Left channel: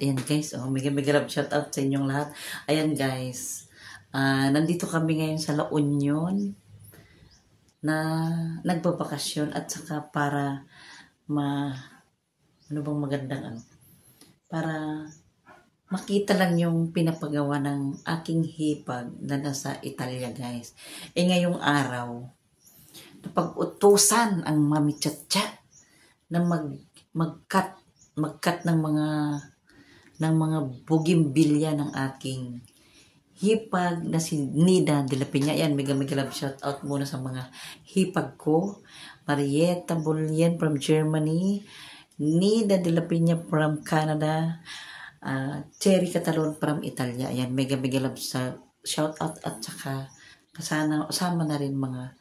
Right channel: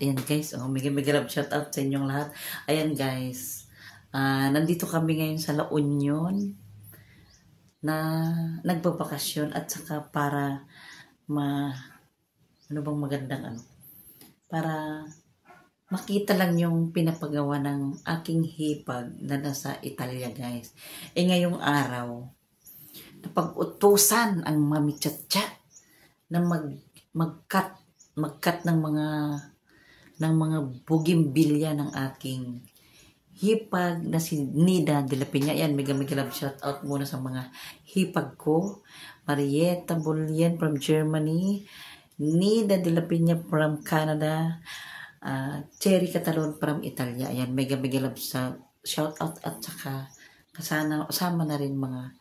Ayan guys, mega love shout out sa inyong lahat. Ayan guys, nandito kami ngayon sa La Union na nagbabakasyon at saka para ano bang magandang para makita lang yung pinapagawa ng aking hipag na nasa Italia guys. Ngayong araw, napag-utusan ang Mami Chacha na mag-cut ng mga bugimbilya ng aking hipag na si Nida de la Peña. Yan, mega love shout out muna sa mga hipag ko. Marietta Bullion from Germany, Nida de la Peña from Canada, Cherry Catalon from Italia. Ayan, mega love shout out at saka kasama na rin mga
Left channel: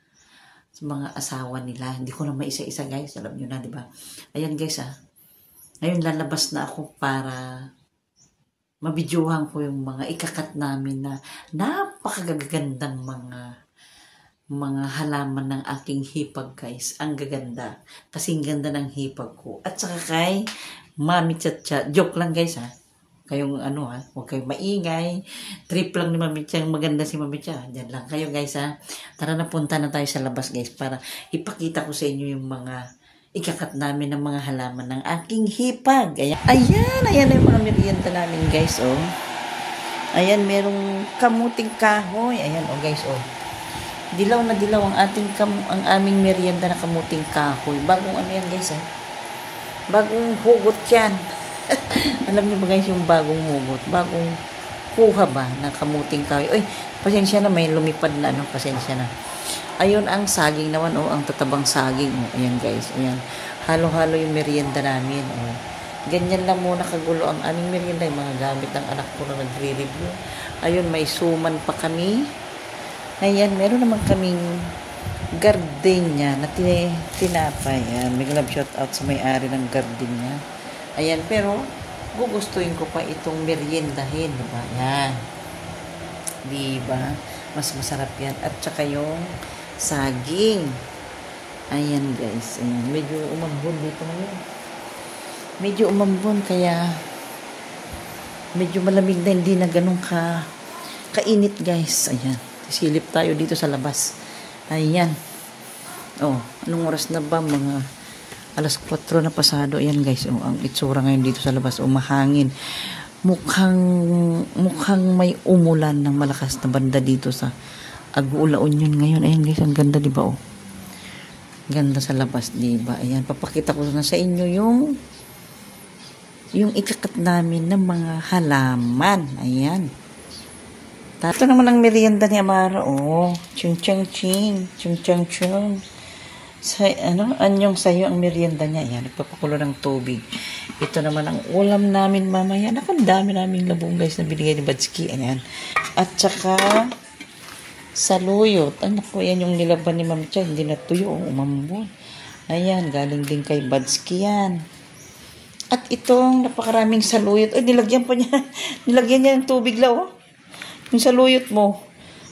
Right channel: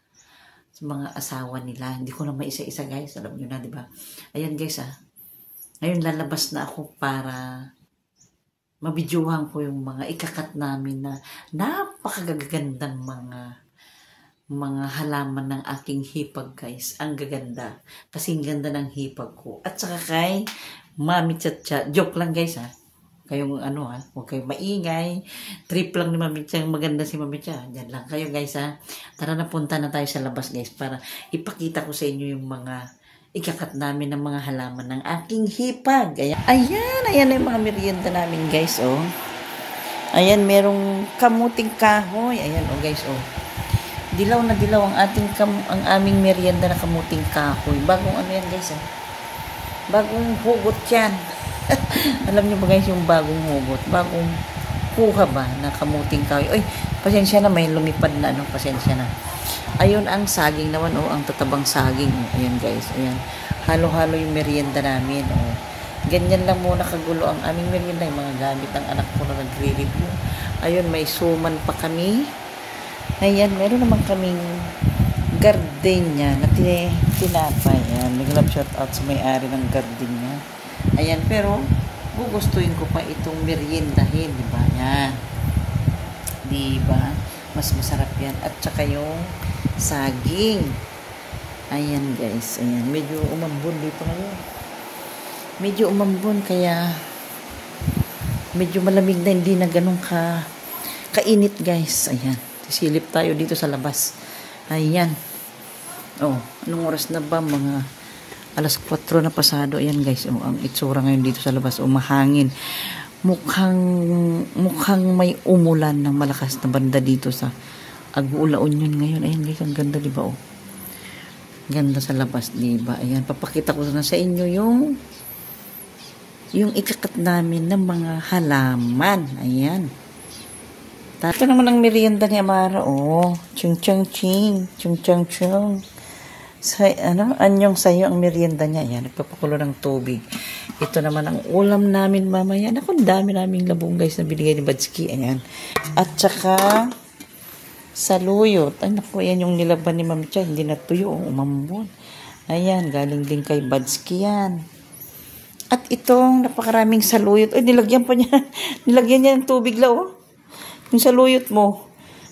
asawa nila. Hindi ko na maisa-isa guys, alam nyo na, diba? Ayan guys, ngayon lalabas na ako para mabidyohan ko yung mga ikakat namin na napakagagandang mga halaman ng aking hipag guys. Ang gaganda. Kasing ganda ng hipag ko. At saka kay Mami Chacha. Joke lang guys Kayong huwag kayong maingay. Trip lang ni Mami Chacha. Maganda si Mami Chacha. Diyan lang kayo guys Tara na, punta na tayo sa labas guys para ipakita ko sa inyo yung mga ikakat namin ng mga halaman ng aking hipag. Ayan yung mga merienda namin guys, Ayan, merong kamuting kahoy. Ayan, guys, Dilaw na dilaw ang aming merienda na kamuting kahoy. Bagong yan guys, Bagong hugot yan. Alam niyo ba guys yung bagong hugot? Bagong kuha ba ng kamuting kahoy? Oy, pasensya na, may lumipad na pasensya na. Ayun ang saging naman, ang tatabang saging. Ayan guys, ayan. Halo-halo yung merienda namin, Ganyan lang muna kagulo ang aming merienda, yung mga gamit ng anak ko na nagre-review. Ayun, may suman pa kami. Ayan, meron naman kaming gardenia na tinapay. Ayan, may love shout out sa may-ari ng gardenia. Ayan, pero gugustuhin ko pa itong meriendahin, diba? Ayan. Diba? Mas masarap yan. At saka yung saging. Ayan guys. Ayan. Medyo umambon dito ngayon. Medyo umambon kaya medyo malamig na, hindi na ganun kainit guys. Ayan. Silip tayo dito sa labas. Ayan. Anong oras na ba? Mga alas 4 na pasado. Ayan guys. Ang itsura ngayon dito sa labas. Mahangin. Mukhang may umulan ng malakas na banda dito sa La Union ngayon. Ayan guys, ang ganda diba Ganda sa labas diba? Ayan, papakita ko na sa inyo yung ikakat namin ng mga halaman. Ayan. Ito naman ang merienda ni Amara. Chung chung ching. Chung chung chung. Anyong sayo ang merienda niya. Ayan, nagpapakulo ng tubig. Ito naman ang ulam namin mamaya. Ang dami naming labong guys na binigay ni Badsky. Ayan. At saka saluyot. Ayan yung nilaban ni Mami Chacha. Hindi natuyo. Umambon. Ayan. Galing din kay Badsky yan. At itong napakaraming saluyot. Nilagyan pa niya. Nilagyan niya ng tubig lang. Yung saluyot mo.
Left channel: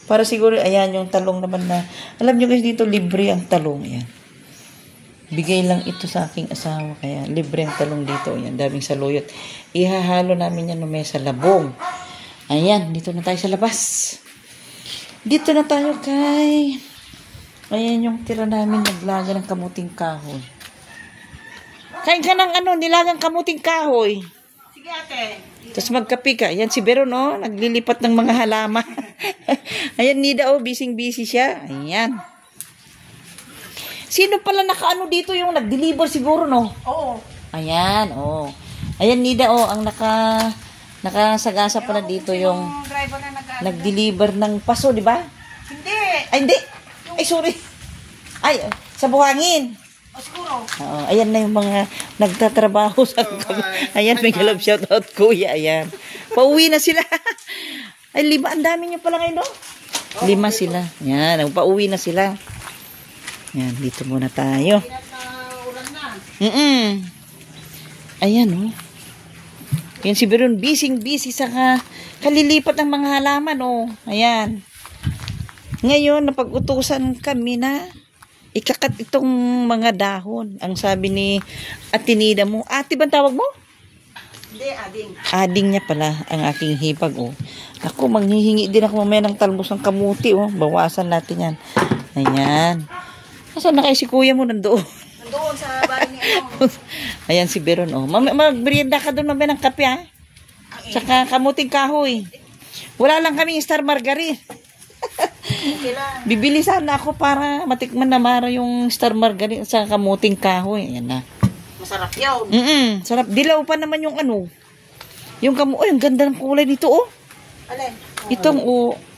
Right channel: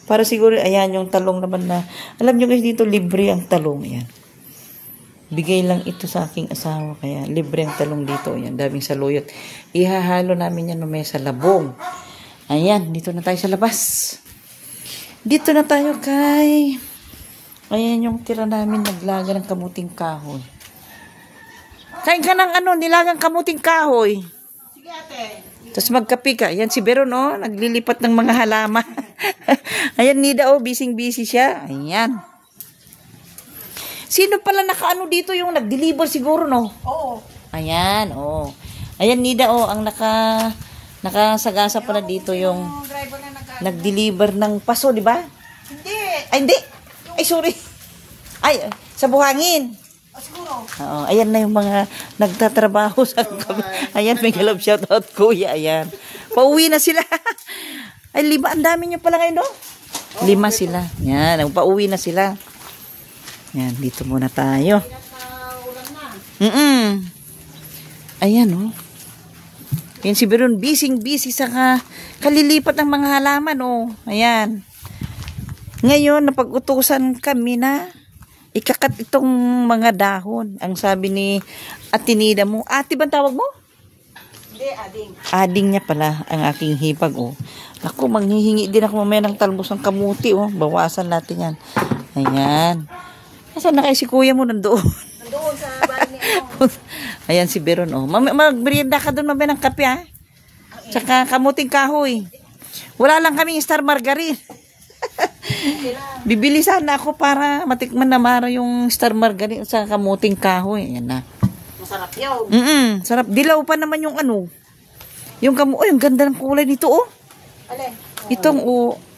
Para siguro, ayan yung talong naman na. Alam nyo guys, dito libre ang talong. Ayan. Bigay lang ito sa aking asawa. Kaya libre ang talong dito. Ayan, daming saluyot. Ihahalo namin yan sa labong. Ayan, dito na tayo sa labas. Dito na tayo kay... Ayan yung tira namin, naglaga ng kamuting kahoy. Kain ka ng nilagang kamuting kahoy. Sige ate. Tapos magkape ka. Ayan si Beron, naglilipat ng mga halaman. Ayan, Nida, busy siya. Ayan. Sino pala dito yung nag-deliver siguro, no? Oo. Ayan, Ayan, Nida, ang nakasagasa pala dito yung nag-deliver ng paso, di ba? Hindi. Ay, hindi. Ay, sorry. Ay, sa buhangin. Siguro. Ayan na yung mga nagtatrabaho sa Ayan, may love shout out kuya. Ayan. Pauwi na sila. Ay, 5. Ang dami nyo pala ngayon, no? 5 sila. Yan, pauwi na sila. Yan, dito muna tayo. Ayan, Yan si Beron, busy sa kalilipat ng mga halaman, Ayan. Ngayon, napag-utusan kami na ikakat itong mga dahon. Ang sabi ni Ate Nida mo, ate bang tawag mo? Hindi, ading. Ading niya pala ang aking hipag, oh. Ako, manghihingi din ako mamaya ng talbos ng kamuti, oh. Bawasan natin yan. Ayan. Nasaan na kayo si kuya mo? Nandoon. Nandoon sa bahay ni ano. Ayan si Beron, oh. Magmerienda ka doon mamaya ng kape, ha? Tsaka kamuting kahoy. Wala lang kaming Star Margarine. Okay lang. Bibili sana ako para matikman na mara yung Star Margarine sa kamuting kahoy. Ayan na. Masarap yun. Sarap. Dilaw pa naman yung ano. Yung kamu... Ay, ang ganda ng kulay dito, oh. Alin? Itong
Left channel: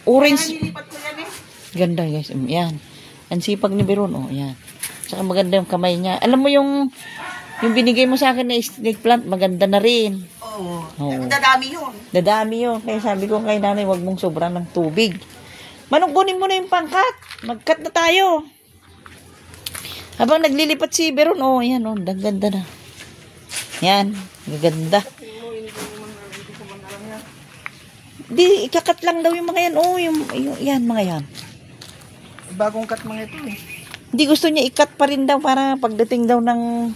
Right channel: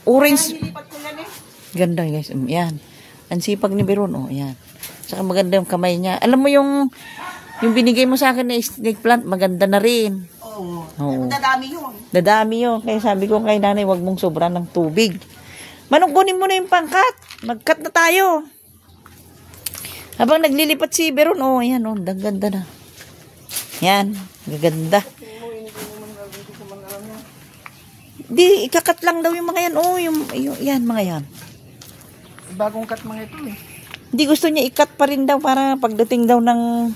orange. Kaya nilipat ko yan eh. Ganda, guys. Yan. Ang sipag ni Beron, oh. Yan. Saka maganda yung kamay niya. Alam mo yung binigay mo sa akin na snake plant, maganda na rin. Oo. Oo. Dadami yun. Dadami yun. Kaya sabi ko kay nanay, wag mong sobra ng tubig. Manong, kunin mo na yung pangkat. Mag-cut na tayo. Habang naglilipat si Beron, oh, yan, oh, ganda na. Yan, gaganda. Di, ikakat lang daw yung mga yan, oh, yan, mga yan. Bagong cut mga ito eh. Hindi gusto niya ikat pa rin daw para pagdating daw ng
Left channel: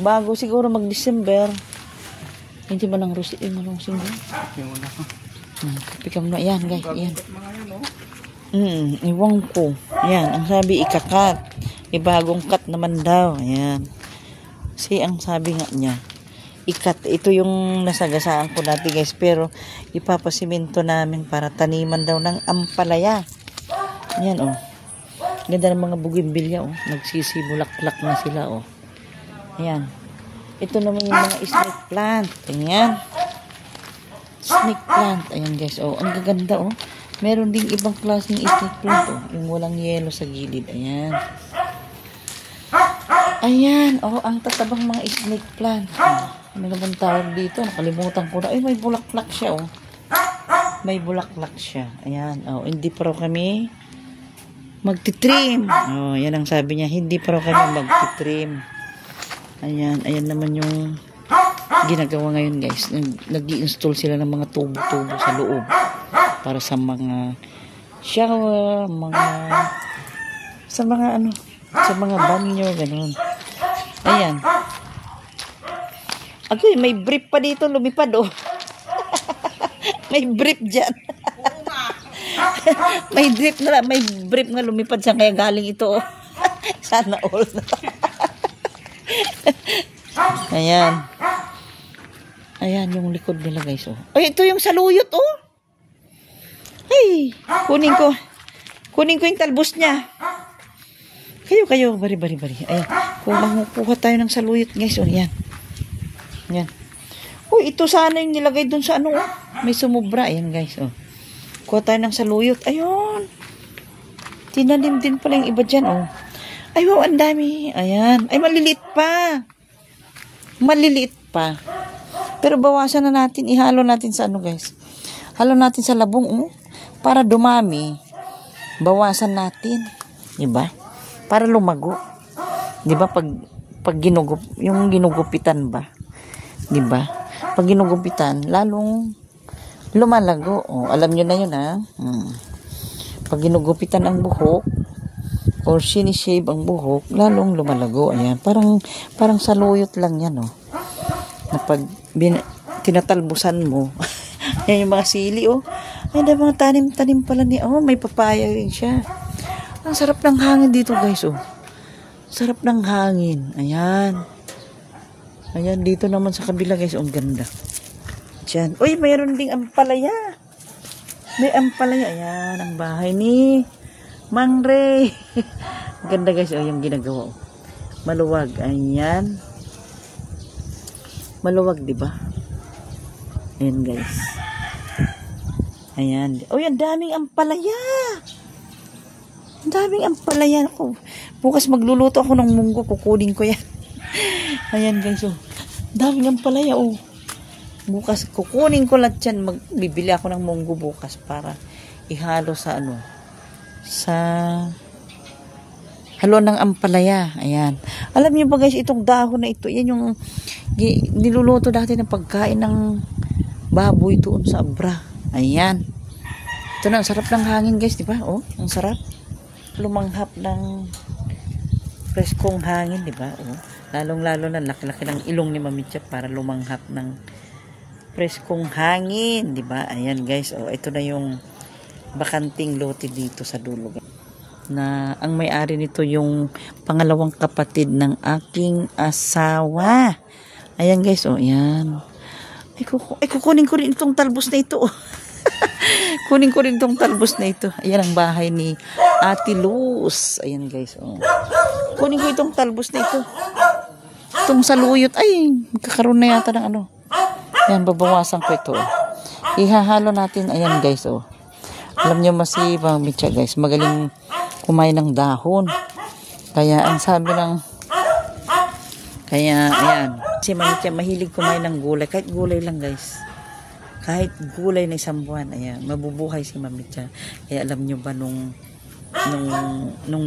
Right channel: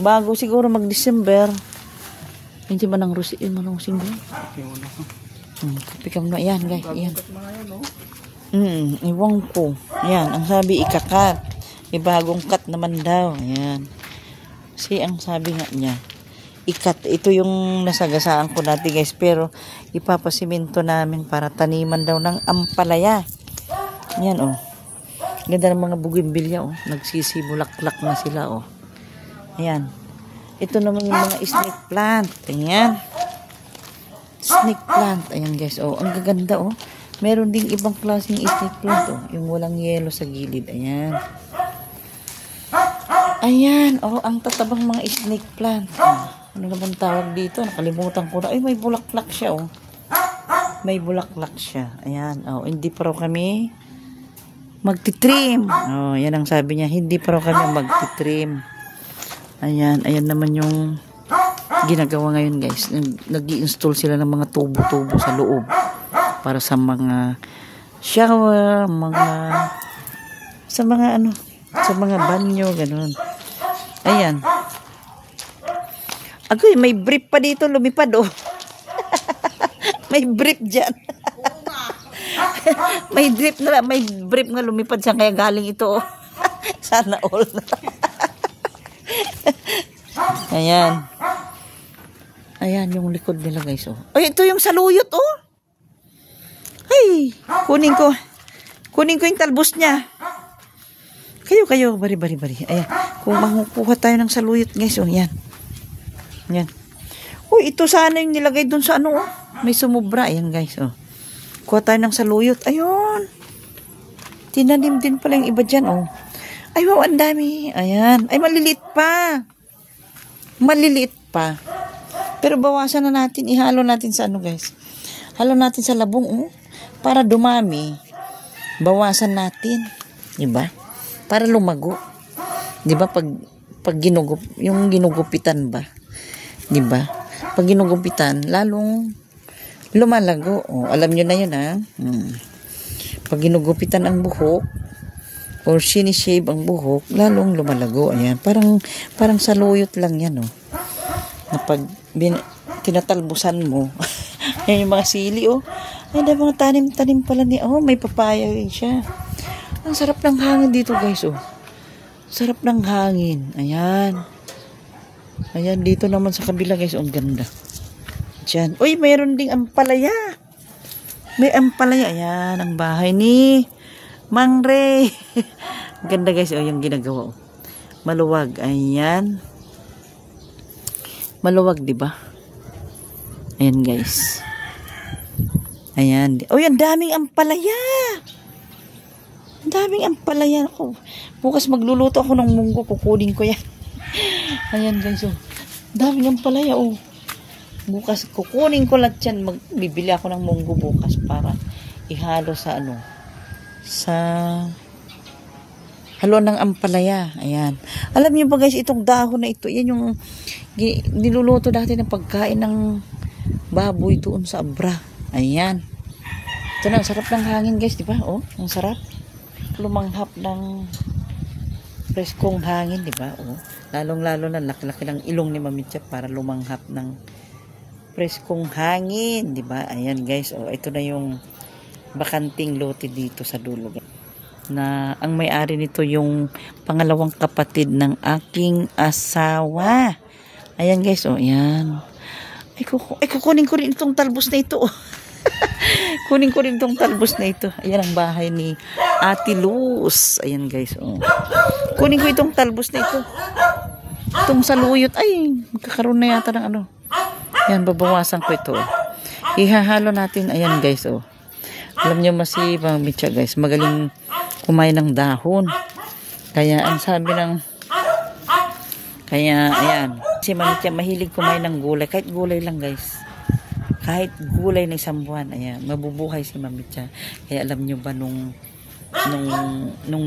bago siguro mag-December. Hindi ba ng rusing daw? Kapikam na, yan, guys, yan. Iwang ko. Yan, ang sabi ikakat. Ibagong cut naman daw. Yan. Kasi ang sabi nga niya, ikat. Ito yung nasagasaan ko dati, guys. Pero ipapasiminto namin para taniman daw ng ampalaya. Yan, oh. Ganda ng mga bugimbilya, oh. Nagsisibulaklak na sila, oh. Ayan. Ito naman yung mga snake plant. Ayan. Snake plant. Ayan, guys, oh. Ang gaganda, oh. Meron ding ibang klaseng snake plant, oh. Yung walang yelo sa gilid. Ayan. Ayan, oh, ang tatabang mga snake plant. Oh, ano naman tawag dito? Nakalimutan ko na. Ay, may bulaklak siya, oh. May bulaklak siya. Ayan, oh, hindi pa raw kami magtitrim. Oh, yan ang sabi niya, hindi pa raw kami magtitrim. Ayan, ayan naman yung ginagawa ngayon, guys. Nag-i-install sila ng mga tubo-tubo sa loob para sa mga shower, sa mga banyo, gano'n. Ayan. Ako, may brief pa dito, lumipad, oh. May brief dyan. may brief nga lumipad siya, kaya galing ito, oh. Sana all. Ayan. Ayan, yung likod nila, guys, oh. Ay, ito yung saluyot, oh. Ay, kunin ko yung talbos niya. Kayo, bari. Ayan. Kung makukuha tayo ng saluyot, guys, oh, yan. Yan. Oh, ito sana yung nilagay dun sa ano, oh. May sumubra. Ayan, guys, oh. Kuha tayo ng saluyot. Ayun. Tinanim din pala yung iba dyan, oh. Ay, wow, ang dami. Ayan. Ay, maliliit pa. Pero bawasan na natin. Ihalo natin sa ano, guys. Halo natin sa labong, oh. Para dumami. Bawasan natin. Diba? Para lumago. 'Di ba pag yung ginugupitan ba? 'Di ba? Pag ginugupitan, lalong lumalago. Oh, alam niyo na 'yun, ha. Pag ginugupitan ang buhok or sinishave ang buhok, lalong lumalago. Ayan, parang saluyot lang 'yan, oh. Na pag tinatalbusan mo. Yan yung mga sili, oh. Ay, mga tanim-tanim pala ni, oh, may papaya rin siya. Ang sarap ng hangin dito, guys, oh. Sarap ng hangin. Ayan. Ayan, dito naman sa kabila, guys, oh, ang ganda. Diyan. Uy, mayroon ding ampalaya. May ampalaya. Ayan, ang bahay ni Mang Ray. Ganda, guys, oh, yung ginagawa, oh. Maluwag. Ayan. Maluwag, di ba? Ayan, guys. Ayan. Uy, ang daming ampalaya. Ang daming ampalaya ako. Bukas magluluto ako ng munggo. Kukunin ko yan. Ayan, guys, oh. Daming ampalaya, oh. Bukas kukunin ko lahat yan. Bibili ako ng munggo bukas para ihalo sa ano. Sa halo ng ampalaya. Ayan. Alam niyo ba, guys, itong dahon na ito, yan yung niluluto dati ng pagkain ng baboy doon sa Abra. Ayan. Ito na, ang sarap ng hangin, guys, di ba? Oh, ang sarap. Lumanghap ng preskong hangin, di ba? Oh, lalong-lalo na laki-laki ng ilong ni Mami Chat para lumanghap ng preskong hangin, di ba? Ayan guys, oh, ito na yung bakanting lote dito sa dulo. Na ang may-ari nito yung pangalawang kapatid ng aking asawa. Ayan guys, oh, ayan. Ay, kukunin ko rin itong talbos na ito. Kunin ko rin itong talbos na ito. Ayan ang bahay ni Ate Luz. Ayan guys, oh. Kunin ko itong talbos na ito. Itong saluyot. Ay, magkakaroon na yata ng ano. Ayan, babawasan ko ito. Ihahalo natin. Ayan guys, oh. Alam nyo si Ma'am Mitya guys, magaling kumain ng dahon. Kaya ang sabi ng ayan, si Ma'am Mitya mahilig kumain ng gulay. Kahit gulay lang guys. Kahit gulay na isang buwan. Ayan, mabubuhay si Ma'am Mitya. Kaya alam nyo ba nung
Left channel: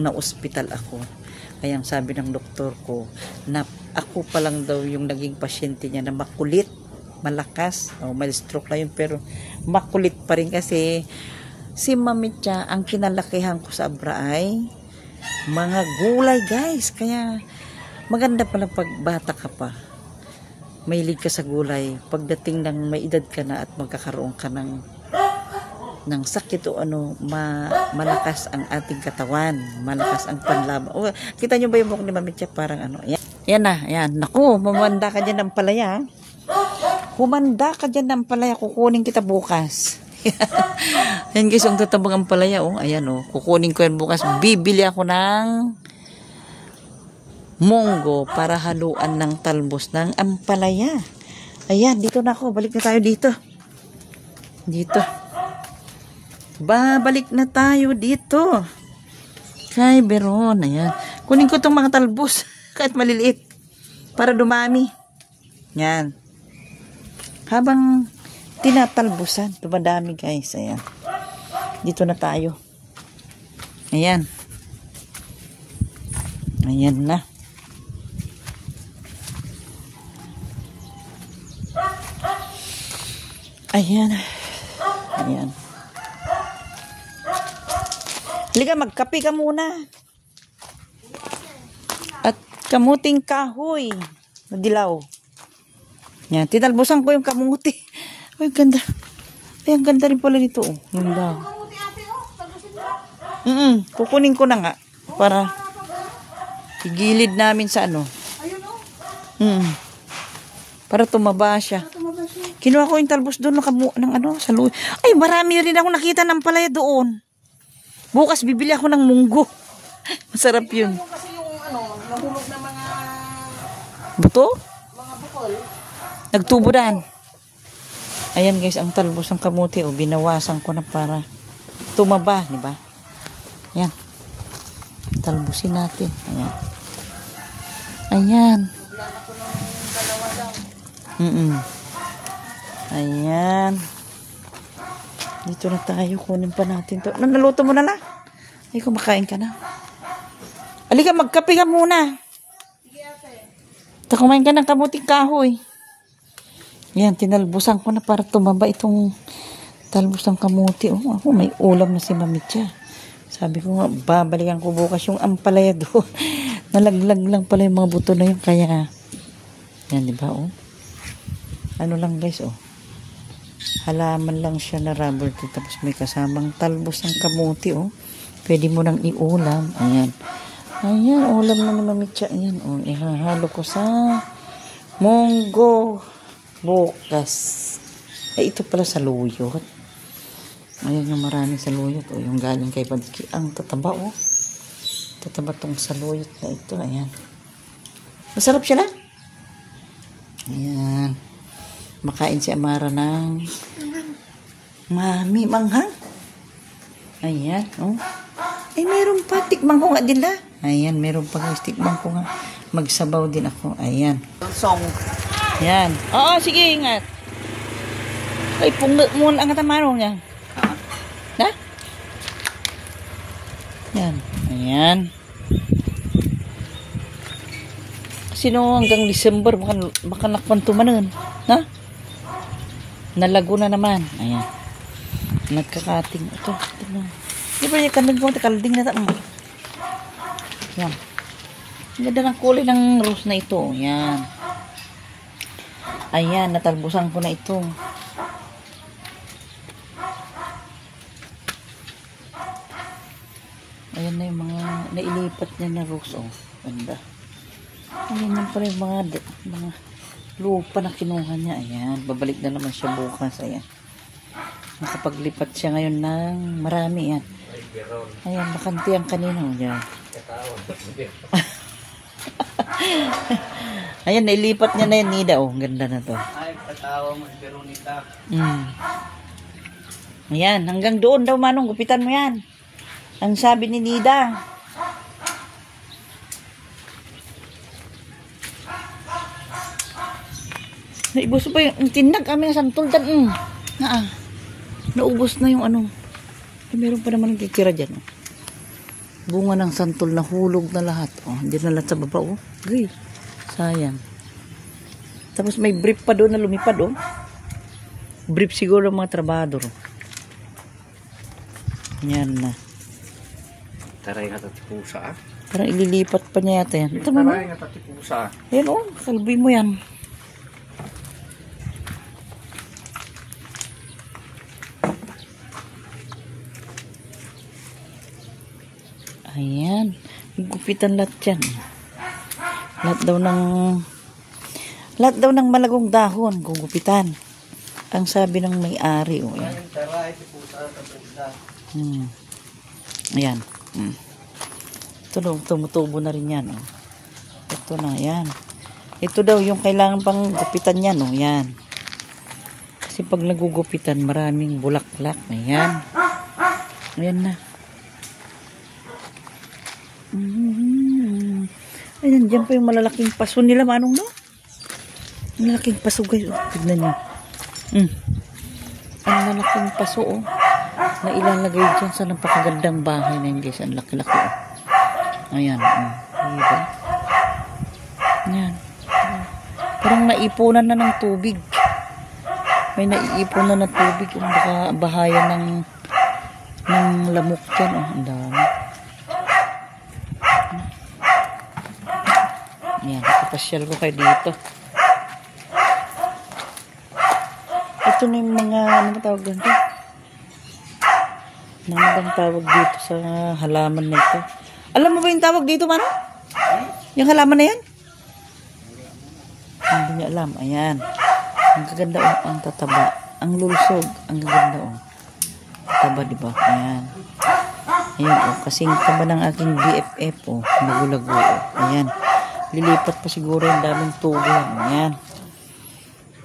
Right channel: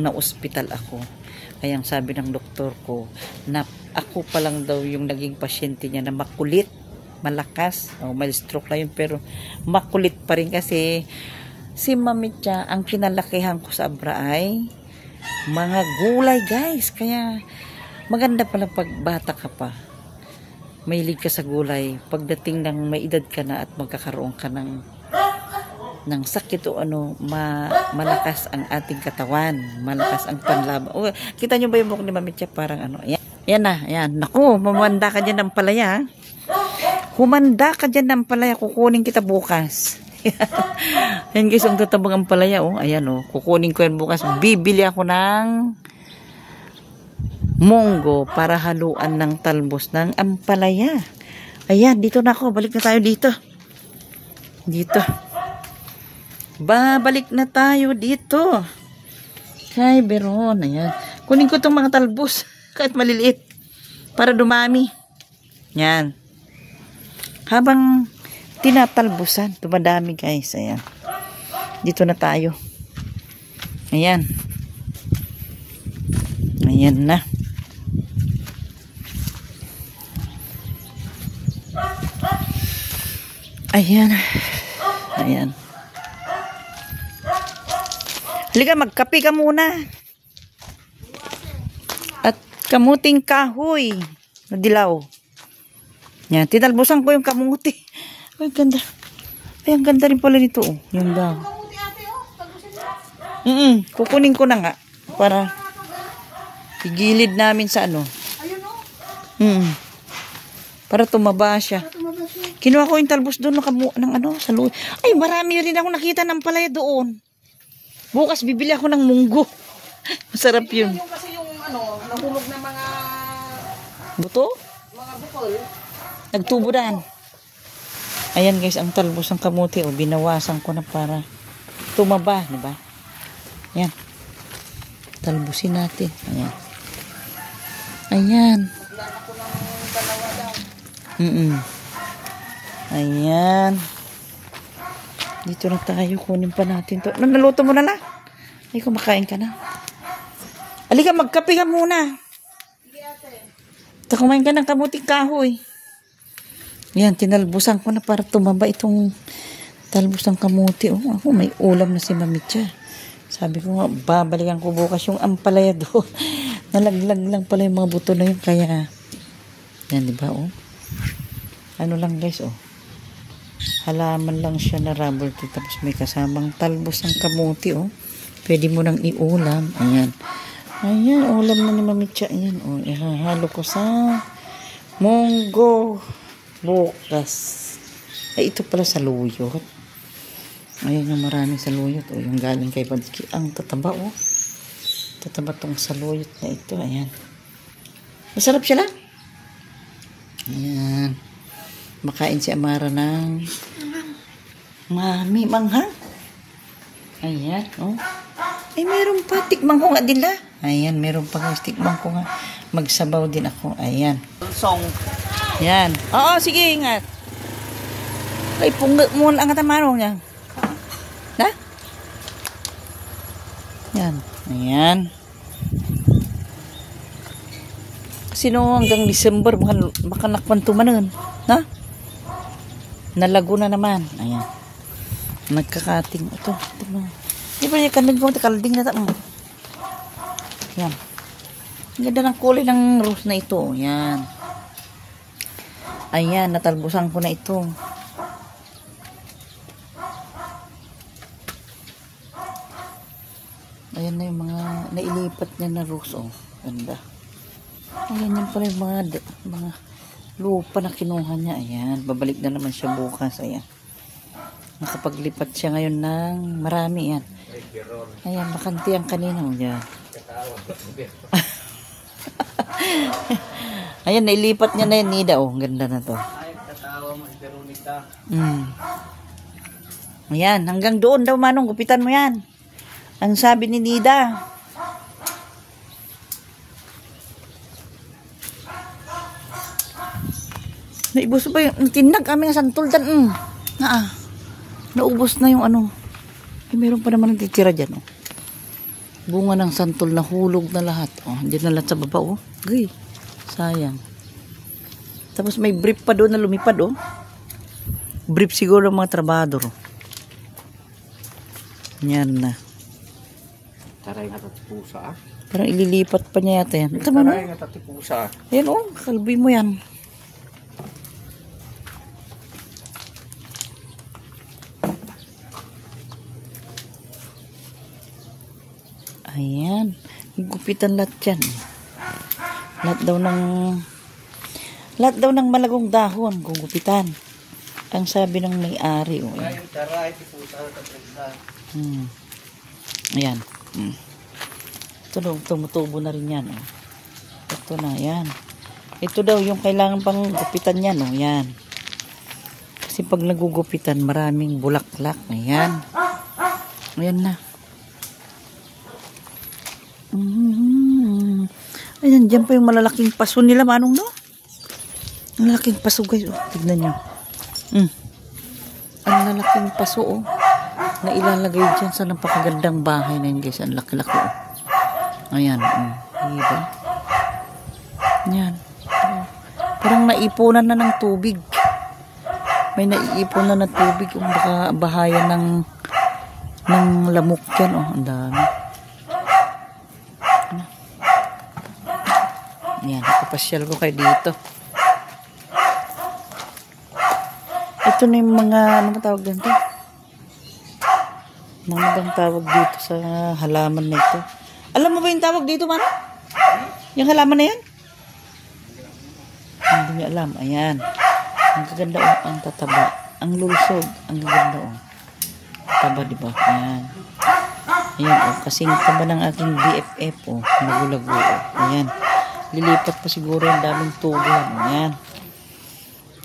na-ospital ako, kaya ang sabi ng doktor ko, na ako pa lang daw yung naging pasyente niya na makulit, malakas, may stroke lang yun, pero makulit pa rin kasi si Ma'am Mitya, ang kinalakihan ko sa Abra ay mga gulay guys. Kaya maganda pala pag bata ka pa, mahilig ka sa gulay. Pagdating ng may edad ka na at magkakaroon ka ng sakit o ano, malakas ang ating katawan, malakas ang panlaban. O, kita nyo ba yung buhok ni Ma'am Mitya? Parang ano, yan na, yan. Naku, mamanda ka dyan ng palaya. Humanda ka dyan ng palaya, kukunin kita bukas. Yan guys, ang tatabang ang palaya, oh. Ayan, oh, kukunin ko yan bukas. Bibili ako ng munggo para haluan ng talbos ng ampalaya. Ayan, dito na ako. Balik na tayo dito. Babalik na tayo dito. Kay Beron. Ayan. Kunin ko itong mga talbos. Kahit maliliit. Para dumami. Yan. Habang tinatalbusan. Tumadami guys. Ayan. Dito na tayo. Ayan. Ayan na. Ayan. Ayan. Halika, magkape ka muna. At kamuting kahoy na dilaw. Yan, tinalbusan ko yung kamuti. Ay, ganda. Ay, ang ganda rin pala nito. Oh. Yung daw. Kukunin ko na nga. Para igilid namin sa ano. Para tumaba siya. Kinuha ko yung talbos doon ng ano, sa luwi. Ay, marami rin ako nakita ng palaya doon. Bukas bibili ako ng munggo. Masarap yun. Kasi yung ano, nahulog na mga buto? mga bukol. Nagtuburan. Ayan guys, ang talbos ng kamote. O, binawasan ko na para tumaba. Diba? Ayan. Talbusin natin. Ayan. Ayan. Ayan. Dito na tayo. Kunin pa natin to. Naluto mo na na? Ay, kumakain ka na. Halika, magkape ka muna. Ito, kumain ka ng kamuting kahoy. Yan, tinalbusan ko na para tumaba itong talbos ng kamuti. Oh, ako, may ulam na si Ma'am Mitya. Sabi ko nga, babalikan ko bukas yung ampalaya doon. Nalaglag lang pala yung mga buto na yun. Kaya, yan, diba, oh? Ano lang guys, oh. Halaman lang siya na rubber tree. Tapos may kasamang talbos ng kamuti, oh. Pwede mo nang iulam. Ayan. Ayan, ulam na ni Ma'am Mitya. Ayan, oh. Ihahalo ko sa munggo bukas. Ay, ito pala sa luyot. Ayan yung maraming saluyot. O, yung galing kay Badki. Ang tataba, oh. Tataba tong saluyot na ito. Ayan. Masarap siya lang. Ayan. Makain si Amara ng mami manghang. Ayan, oh. Ay, meron pa. Tikman ko nga dila. Ayan, meron pa. Tikman ko nga. Magsabaw din ako. Ayan. Song. Ayan. Oo, sige, ingat. Ay, punga muna ang katamarong niya. Na? Yan. Ayan. Kasi no, hanggang December, baka nakwanto manan. Na? Nalago na naman. Ayan. Nagkakating. Ito. Di ba yung kandang ko? Kalding na ito. Yan. Ganda ng kulay ng rose na ito. Yan. Ayan, natalbusan ko na ito. Ayan na yung mga nailipat niya na rose. Oh, ganda. Ayan na pala yung mga lupa na kinuha niya. Ayan, babalik na naman siya bukas. Ayan. Nakapaglipat siya ngayon ng marami. Yan. Ayan, bakanti ang kanino. Ayan. Ayan, nailipat niya na yun, Nida. Oh, ganda na to. Ay, katawa mag-Veronica. Ayan, hanggang doon daw, Manong. Gupitan mo yan. Ang sabi ni Nida. Naibos pa yung tinag kami sa tuldan. Naubos na yung ano. Meron pa naman nagkikira dyan. Oh. Bunga ng santol na hulog na lahat. Oh, hindi na lahat sa baba. Oh. Uy, sayang. Tapos may brief pa doon na lumipad. Oh. Brief siguro ng mga trabador. Oh. Yan na. Taray nga tatipusa. Parang ililipat pa niya yata yan. Taray nga tatipusa. Ayan oh, kalbi mo yan. Ayan. Gupitan lahat yan. Lahat daw ng malagong dahon gugupitan. Ang sabi ng may-ari. Oh, ayan. Taray, tipusa, tatipusa. Ayan. Ito daw, tumutubo na rin yan. Oh. Ito na, yan. Ito daw yung kailangan pang gupitan yan. Oh, yan. Kasi pag nagugupitan, maraming bulaklak. Ayan. Ayan na. Ayan, dyan pa yung malalaking paso nila, Manong, no? Malalaking paso, guys. Oh, tignan nyo. Ang lalaking paso, oh. Na ilalagay dyan sa napakagandang bahay na yun, guys. Ang laki-laki, oh. Ayan, diba? Ayan. Parang naipunan na ng tubig. May naiipunan na ng tubig. Yung bahaya ng lamok dyan, oh. Ang dami. Ayan, kapasyal ko kayo dito. Ito na yung mga, ano tawag dito? Mga tawag dito sa halaman na ito. Alam mo ba yung tawag dito, man? Yung halaman na yan? Hindi niya alam. Ayan. Ang gaganda, oh, ang tataba. Ang lusog. Ang gaganda, oh. Taba, diba? Ayan. Ayan, oh. Kasing taba ng aking BFF, oh. Nagulago, oh. Ayan. Lilipat pa siguro yung daming tugan. Ayan.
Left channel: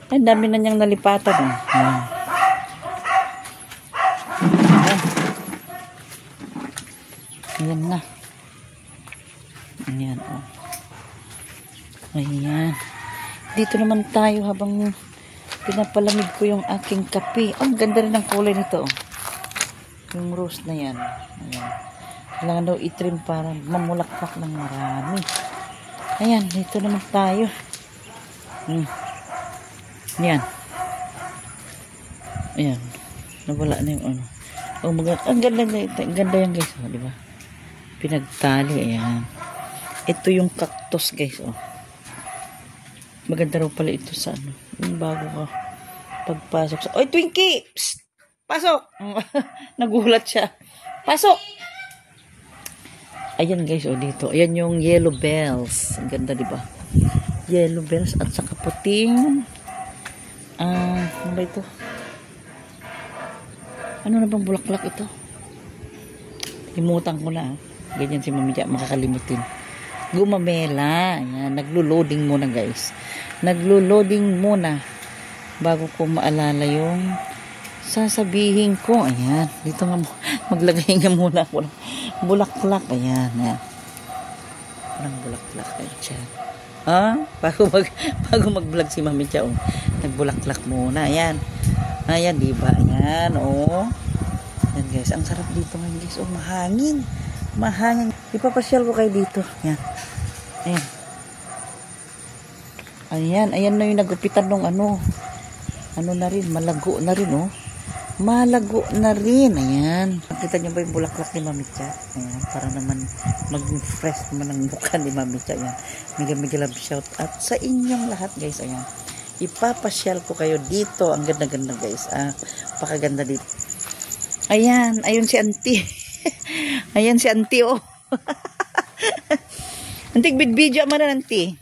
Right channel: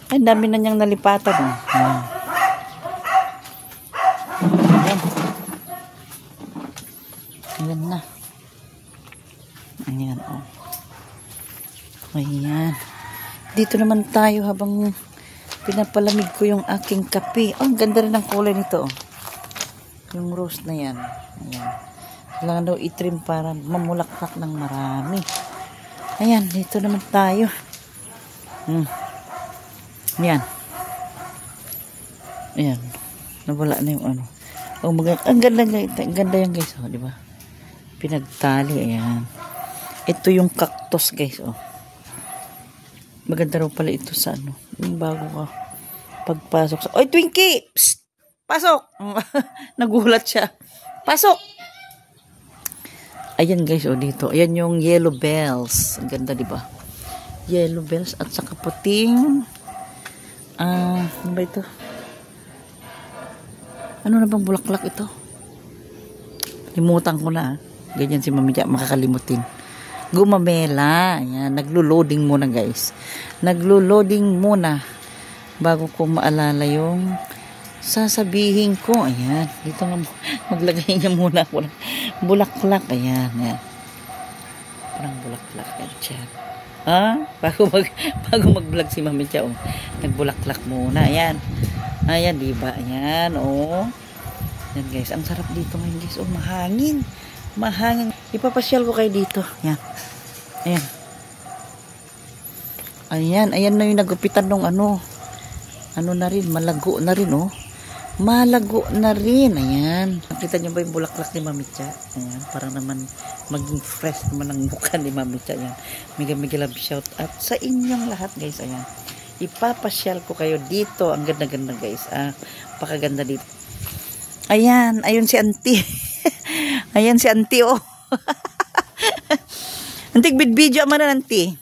Ay, dami na niyang nalipatan. Oh. Ayan. Ayan na. Ayan, oh. Ayan. Dito naman tayo habang pinapalamig ko yung aking kape. Oh, ang ganda rin ng kulay nito, oh. Yung rose na yan. Ayan. Kailangan daw itrim para mamulakpak ng marami. Ayan, dito naman tayo. Ayan. Ayan. Nawala na yung ano. Oh, ang ganda yan, guys. Oh, diba? Pinagtali. Ayan. Ito yung cactus, guys. Oh. Maganda raw pala ito sa ano. Yung bago ka. Pagpasok sa... Oy, Twinkie! Psst! Pasok! Nagulat siya. Pasok! Ayan, guys. Oh, dito. Ayan yung yellow bells. Ang ganda, diba? Yellow bells. At saka pating... ano ba ito? Ano na bang bulaklak ito? Limutan ko na. Ganyan si Mami Jack, makakalimutin. Gumamela. Ayan, naglo-loading muna, guys. Naglo-loading muna bago ko maalala yung sasabihin ko. Ayan, dito nga maglagay niyo muna ako ng bulaklak. Ayan, ayan. Parang bulaklak. Ayan. Ha? Bago mag-vlog si Mami Jack, oh, nagbulaklak muna. Ayan. Ayan, diba? Ayan, oh. Ayan, guys. Ang sarap dito ngayon, guys. Oh, mahangin. Mahangin. Ipapasyal ko kayo dito. Ayan. Ayan. Ayan. Ayan na yung nagupitan ng ano. Ano na rin. Malago na rin, oh. Malago na rin. Ayan. Nakita niyo ba yung bulaklak ni Mami Jack? Ayan. Para naman maging fresh naman ang mukha ni Mami Jack. Ayan. Mega love shout out sa inyong lahat, guys. Ayan. ipapasyal ko kayo dito. Ang ganda-ganda guys. Pakaganda dito. Ayan, ayun si auntie. Ayan si auntie oh. Antik video man na auntie.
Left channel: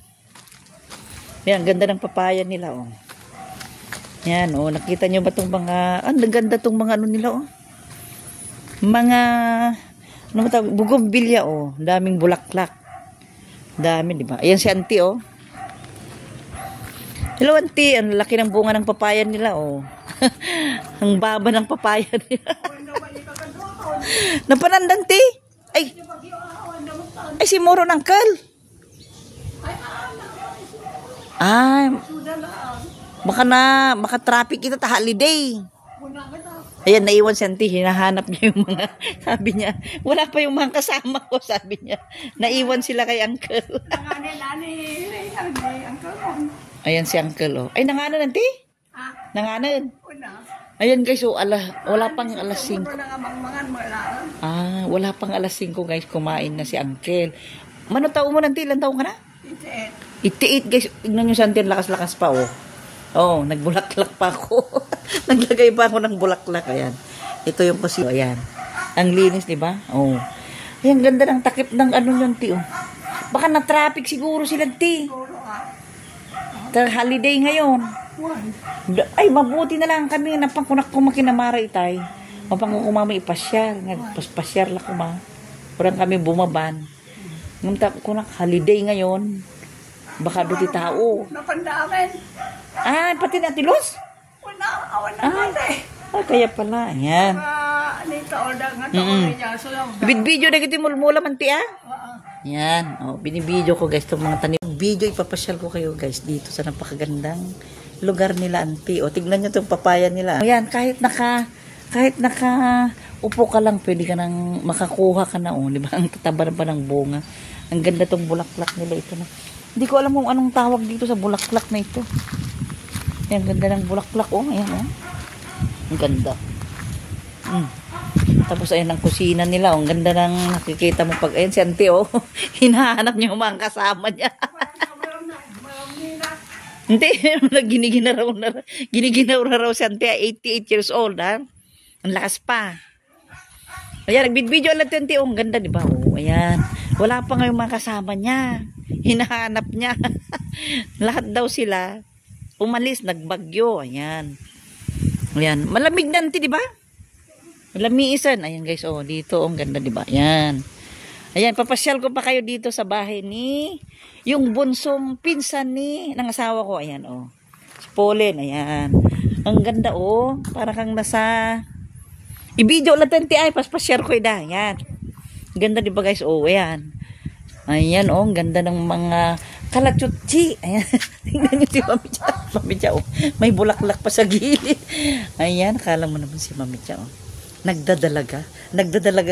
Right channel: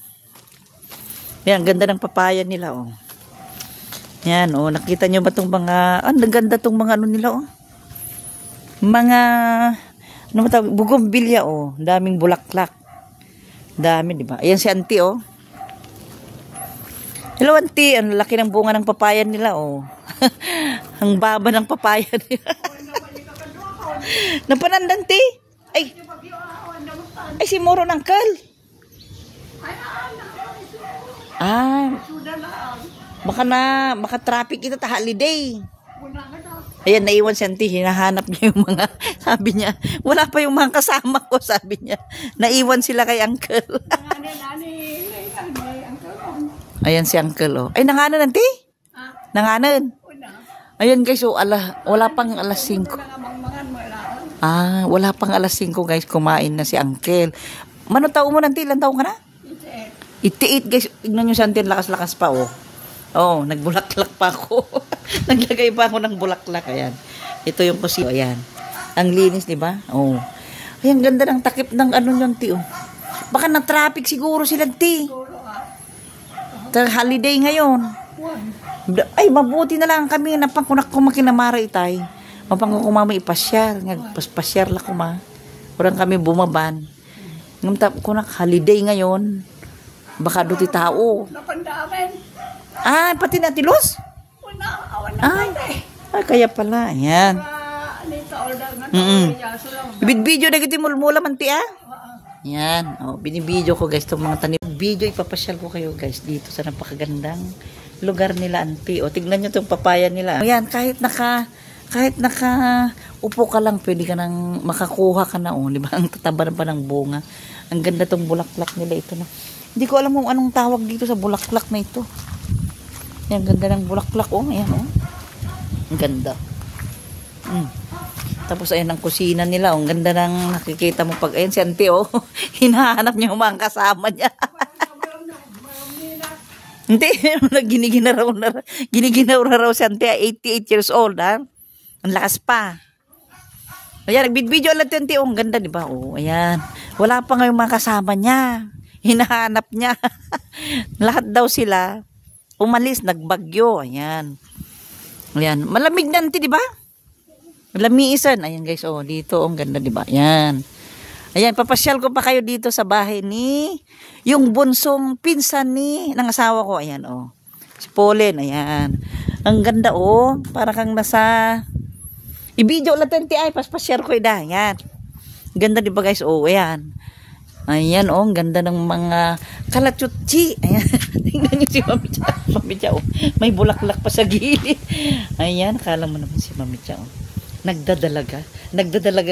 Ayan, ganda ng papaya nila oh. Ayan oh, nakita nyo ba tong mga, ang ganda tong mga ano nila oh. Mga, ano matawag, bugombilya oh. Daming bulaklak. Dami, di ba? Ayan si auntie oh. Hello auntie, ang laki ng bunga ng papaya nila oh. Ang baba ng papaya nila. Napanandan ti. Ay si Muro ng Kal. Baka traffic ito ta holiday. Ayan, naiwan si auntie, hinahanap niya yung mga, sabi niya, wala pa yung mga kasama ko, sabi niya. Naiwan sila kay uncle. Ayan si uncle, oh. Ay, nanganan, auntie? Nanganan? Ayan guys, oh, wala pang alas 5. Wala pang alas 5 guys, kumain na si uncle. Manong taon mo, auntie? Ilan taon ka na? 88 guys, tignan nyo si auntie, lakas-lakas pa, oh. Oh, nagbulaklak pa ako. Naglagay pa ako ng bulaklak. Ayan. Ito yung kusina. Ayan. Ang linis, di ba? Oh. Ayan, ganda ng takip ng ano yung ti. Oh. Baka na-traffic siguro sila ti. Holiday ngayon. Ay, mabuti na lang kami. Napangkunak ko makinamara itay. Mapangkunak ko mama ipasyar. Nagpasyar lang ko ma. Kurang kami bumaban. Ngamtap kunak holiday ngayon. Baka doon tao. Napandamin. Pati na tilos? Kaya pala. Ayan. Video na kita mula man ti Yan. Oh, binibidyo ko guys itong mga tanim. Video ipapasyal ko kayo guys dito sa napakagandang lugar nila auntie. O tignan nyo itong papaya nila. Ayan, kahit naka upo ka lang, pwede ka nang makakuha ka na. Di ba? Ang tataba na pa ng bunga. Ang ganda itong bulaklak nila ito na. Hindi ko alam kung anong tawag dito sa bulaklak na ito. Ayan, ganda ng bulaklak oh. Ayan oh. Ang ganda. Tapos ayan ang kusina nila. Ang ganda ng nakikita mo pag ayan si auntie oh. Hinahanap niya yung mga kasama niya. Hindi, giniginaw raw si auntie. 88 years old ha. Ang lakas pa. Ayan, nagbidvideo lang auntie oh. Ang ganda diba oh. Ayan. Wala pa nga yung mga kasama niya. Hinahanap niya. Lahat daw sila umalis, nagbagyo. Ayan. Ayan. Malamig na auntie, di ba? Malamisan. Ayan guys, oh, dito, ang ganda, di ba? Ayan. Ayan, papasyal ko pa kayo dito sa bahay ni yung bunsong pinsan ng asawa ko. Ayan, oh. Si Pauline, ayan. Ang ganda, oh. Para kang nasa i-video lang auntie, ay, papasyal ko ida. Ayan. Ganda, di ba guys? Oh, ayan. Ayan, oh, ang ganda ng mga kalachutsi. Ayan, tingnan nyo si Mami Cha. Mami Cha, oh, may bulaklak pa sa gilid. Ayan, akala mo naman si Mami Cha, oh. Nagdadalaga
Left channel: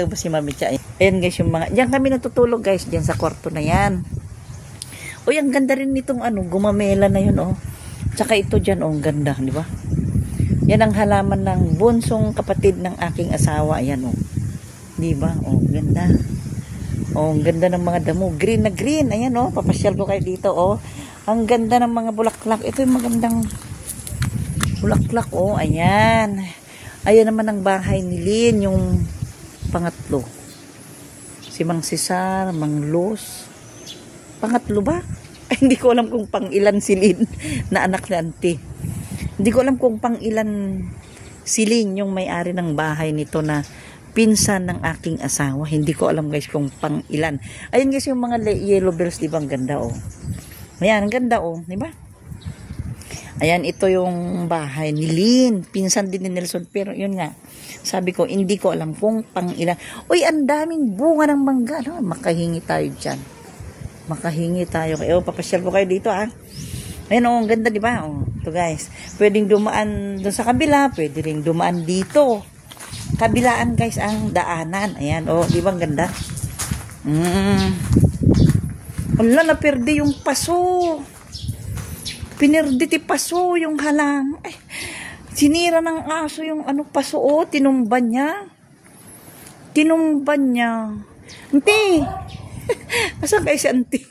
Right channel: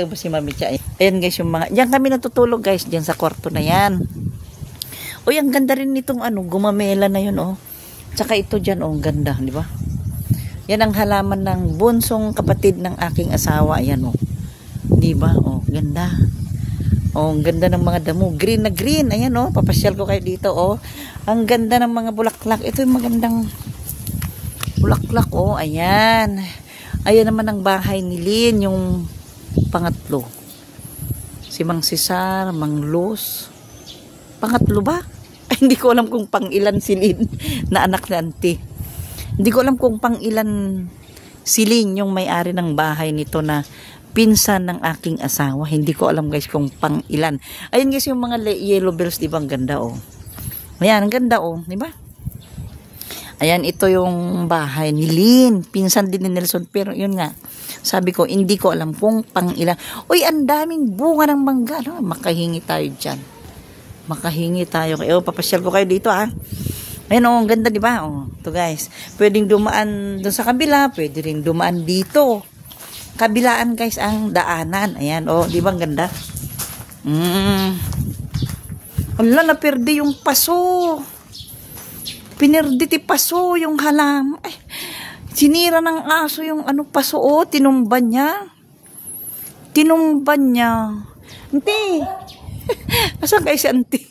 ba si Mami Cha? Ayan guys, yung mga, diyan kami natutulog guys, diyan sa kwarto na yan. O, ang ganda rin nitong ano, gumamela na yun, oh. Tsaka ito dyan, oh, ang ganda, di ba? Yan ang halaman ng bunsong kapatid ng aking asawa. Ayan, oh. Di ba? Oh, ganda. Oh, ang ganda ng mga damo. Green na green. Ayan, oh. Papasyal ko kayo dito, oh. Ang ganda ng mga bulaklak. Ito yung magandang bulaklak, oh. Ayan. Ayan naman ang bahay ni Lynn, yung pangatlo. Si Mang Cesar, Mang Luz. Pangatlo ba? Ay, hindi ko alam kung pang ilan si Lynn na anak ni auntie. Hindi ko alam kung pang ilan si Lynn yung may-ari ng bahay nito na pinsan ng aking asawa. Hindi ko alam guys kung pang ilan. Ayan guys yung mga yellow bells, di ba? Ang ganda oh. Ayan, ang ganda oh, di ba? Ayan, ito yung bahay ni Lynn. Pinsan din ni Nelson. Pero yun nga, sabi ko, hindi ko alam kung pang ilan. Uy, ang daming bunga ng mangga. No? Makahingi tayo dyan. Makahingi tayo. Oh, papasyal ko kayo dito ah. Ayan oh, ang ganda di ba? Oh, ito guys. Pwedeng dumaan doon sa kabila. Pwede rin dumaan dito. Kabilaan guys ang daanan. Ayan, oh, di ba ang ganda? Wala, naperde yung paso. Pinerde ti paso yung halam. Ay, sinira ng aso yung ano paso, oh, tinumban niya. Tinumban niya. Auntie. Asan kayo si auntie?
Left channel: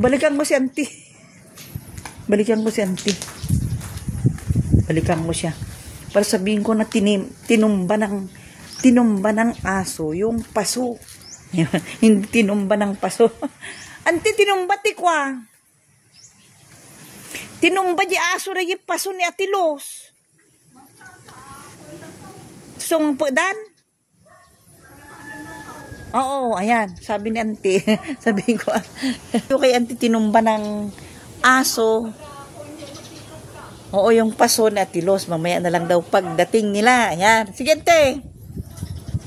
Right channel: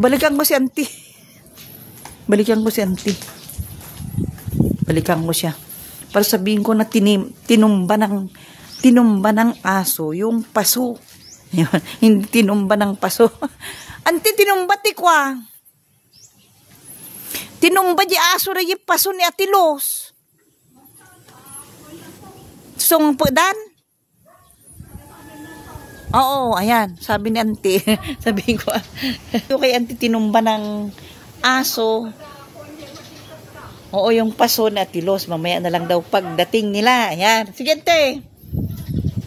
Balikan mo si auntie. Balikan ko si auntie. Balikan ko siya. Para sabihin ko na tinumba ng aso yung paso. Yun, hindi tinumba ng paso. Auntie, tinumba tikwa. Tinumba di aso na yung paso ni Atilos. Sung pagdan? Oo, ayan. Sabi ni auntie. Sabihin ko, kay auntie tinumba ng aso. Oo, yung paso na Atilos. Mamaya na lang daw pagdating nila. Ayan. Sige, ante.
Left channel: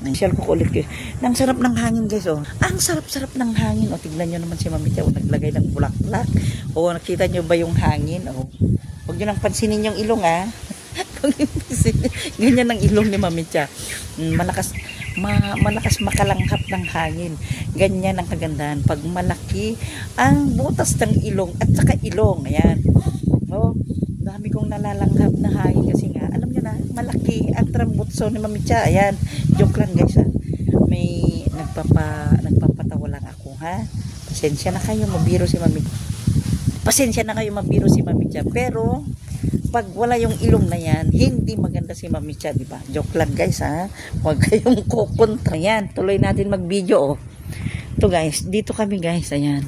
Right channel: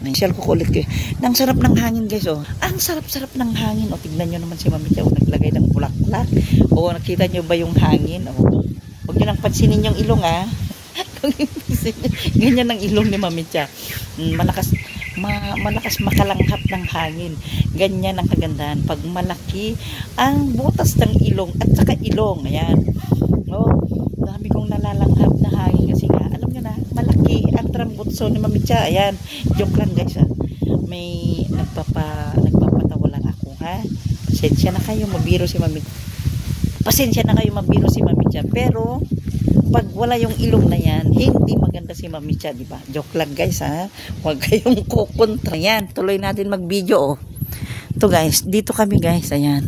Share ko ulit kayo. Ang sarap ng hangin, guys. Oh. Ang sarap-sarap ng hangin. O, tignan nyo naman si Mami Chow. Naglagay ng bulaklak. O, nakita nyo ba yung hangin? O, huwag nyo nang pansinin yung ilong, ha. Ganyan ang ilong ni Mami Chow. Malakas makalanghap ng hangin. Ganyan ang kagandahan. Pag malaki ang butas ng ilong at saka ilong. Ayan. Oh, sabi kong nalalanghap na hangin kasi nga, alam nyo na, malaki ang trambutso ni Mami Chow. Ayan. Joke lang, guys, ha. May nagpapatawa lang ako, ha. Pasensya na kayo, mabiro si Mami. Pasensya na kayo, mabiro si Mami Chow. Pero pag wala yung ilong na yan, hindi maganda si Mami Chow, di ba? Joke lang, guys, ha. Huwag kayong kukontra. Ayan, tuloy natin mag-video, oh. Ito, guys, dito kami, guys. Ayan.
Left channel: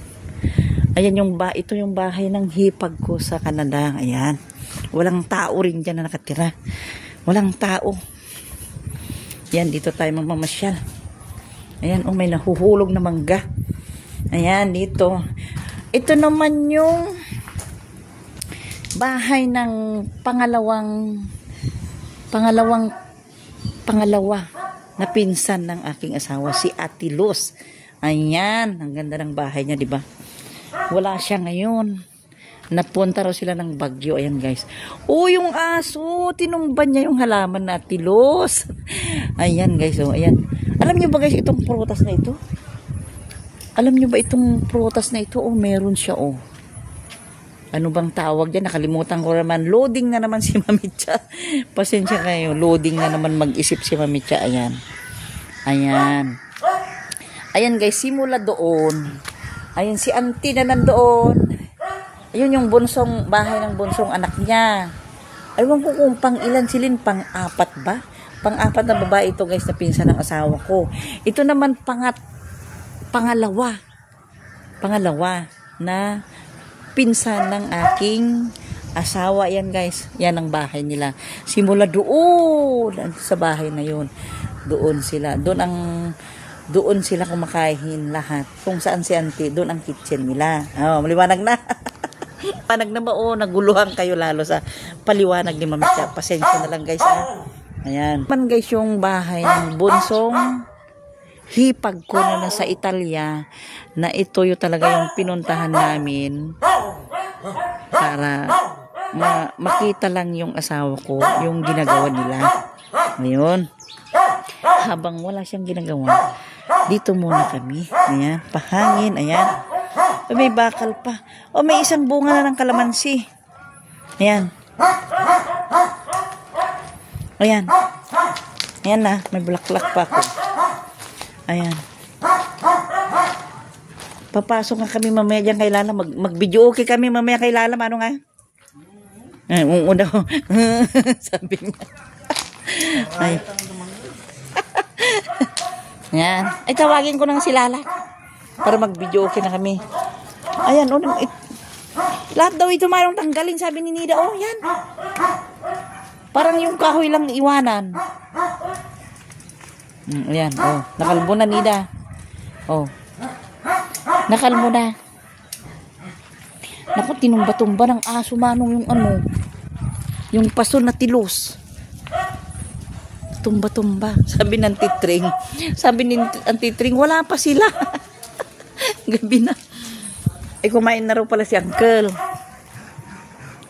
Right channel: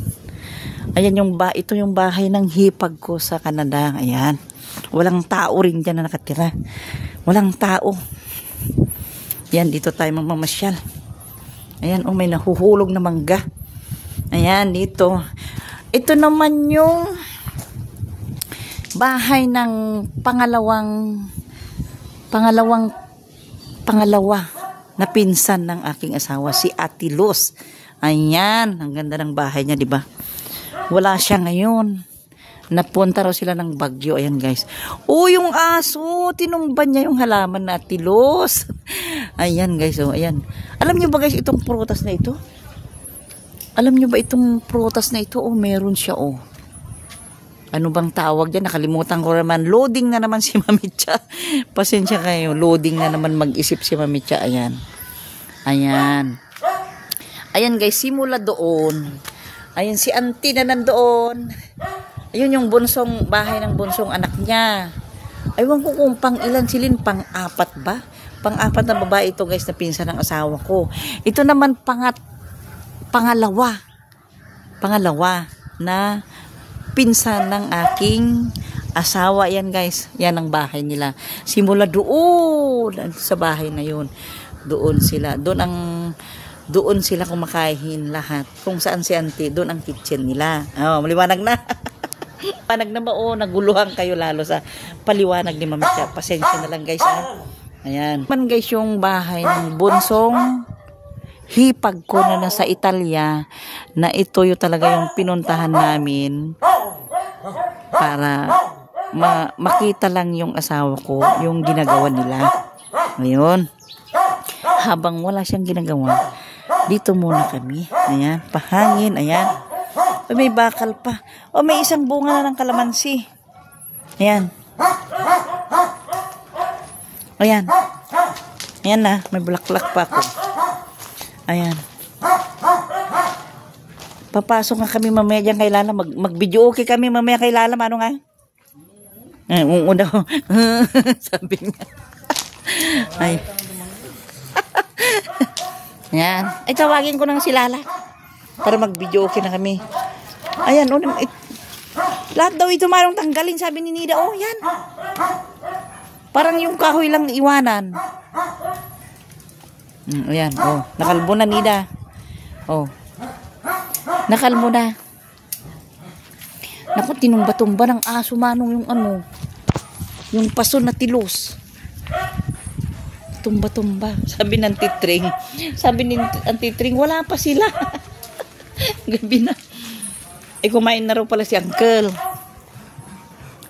Ayan ito yung bahay ng hipag ko sa Canada. Ayan. Walang tao rin dyan na nakatira. Walang tao. Ayan, dito tayo mamamasyal. Ayan, oh, may nahuhulog na mangga. Ayan, dito. Ito naman yung bahay ng pangalawa na pinsan ng aking asawa, si Atilos. Ayan, ang ganda ng bahay niya, di ba? Wala siya ngayon. Napunta raw sila ng Bagyo. Ayan, guys. Oh, yung aso, tinumban niya yung halaman na Atilos. Ayan, guys. Oh, ayan. Alam niyo ba, guys, itong prutas na ito? Alam niyo ba itong prutas na ito? Oh, meron siya, oh. Ano bang tawag dyan? Nakalimutan ko naman. Loading na naman si Mami Chow. Pasensya kayo. Loading na naman mag-isip si Mami Chow. Ayan. Ayan. Ayan, guys. Simula doon. Ayan, si auntie na nandoon. Ayun yung bunsong bahay ng bunsong anak niya. Aywan ko kung pang ilan silin. Pang-apat ba? Pang-apat na babae ito, guys, na pinsan ng asawa ko. Ito naman pangalawa na pinsan ng aking asawa. Yan, guys, yan ang bahay nila. Simula doon sa bahay na yun, doon sila kumakain lahat. Kung saan si auntie, doon ang kitchen nila. Oh, maliwanag na. Panag na ba? Oh, naguluhan kayo lalo sa paliwanag ni Mami Chow. Pasensya na lang, guys, ha? Ayan. Man, guys, yung bahay ng bonsong hipag ko na nasa Italia, na ito yung talaga yung pinuntahan namin para makita lang yung asawa ko, yung ginagawa nila. Ngayon, habang wala siyang ginagawa, dito muna kami. Ayan, pahangin, ayan. May bakal pa. O, may isang bunga na ng kalamansi. Ayan. Ayan. Ayan na, may bulaklak pa ako. Ayan. Papasok na kami mamaya dyan kay Lala. Mag-video okay kami mamaya kay Lala. Ano nga? Daw. Sabi niya. Ay. Ayan. Ay, tawagin ko na si Lala. Para mag-video okay na kami. Ayan. Lahat daw ito marong tanggalin. Sabi ni Nida. Oh, yan. Parang yung kahoy lang iwanan. Ayan. Oh, nakalbo na, Nida. Oh. Nakalbo na. Naku, tinumba-tumba ng aso, manong yung paso na Tilos. Tumba-tumba. Sabi ng titring. Sabi ni Titring, wala pa sila. Gabi na. Kumain na raw pala si Uncle.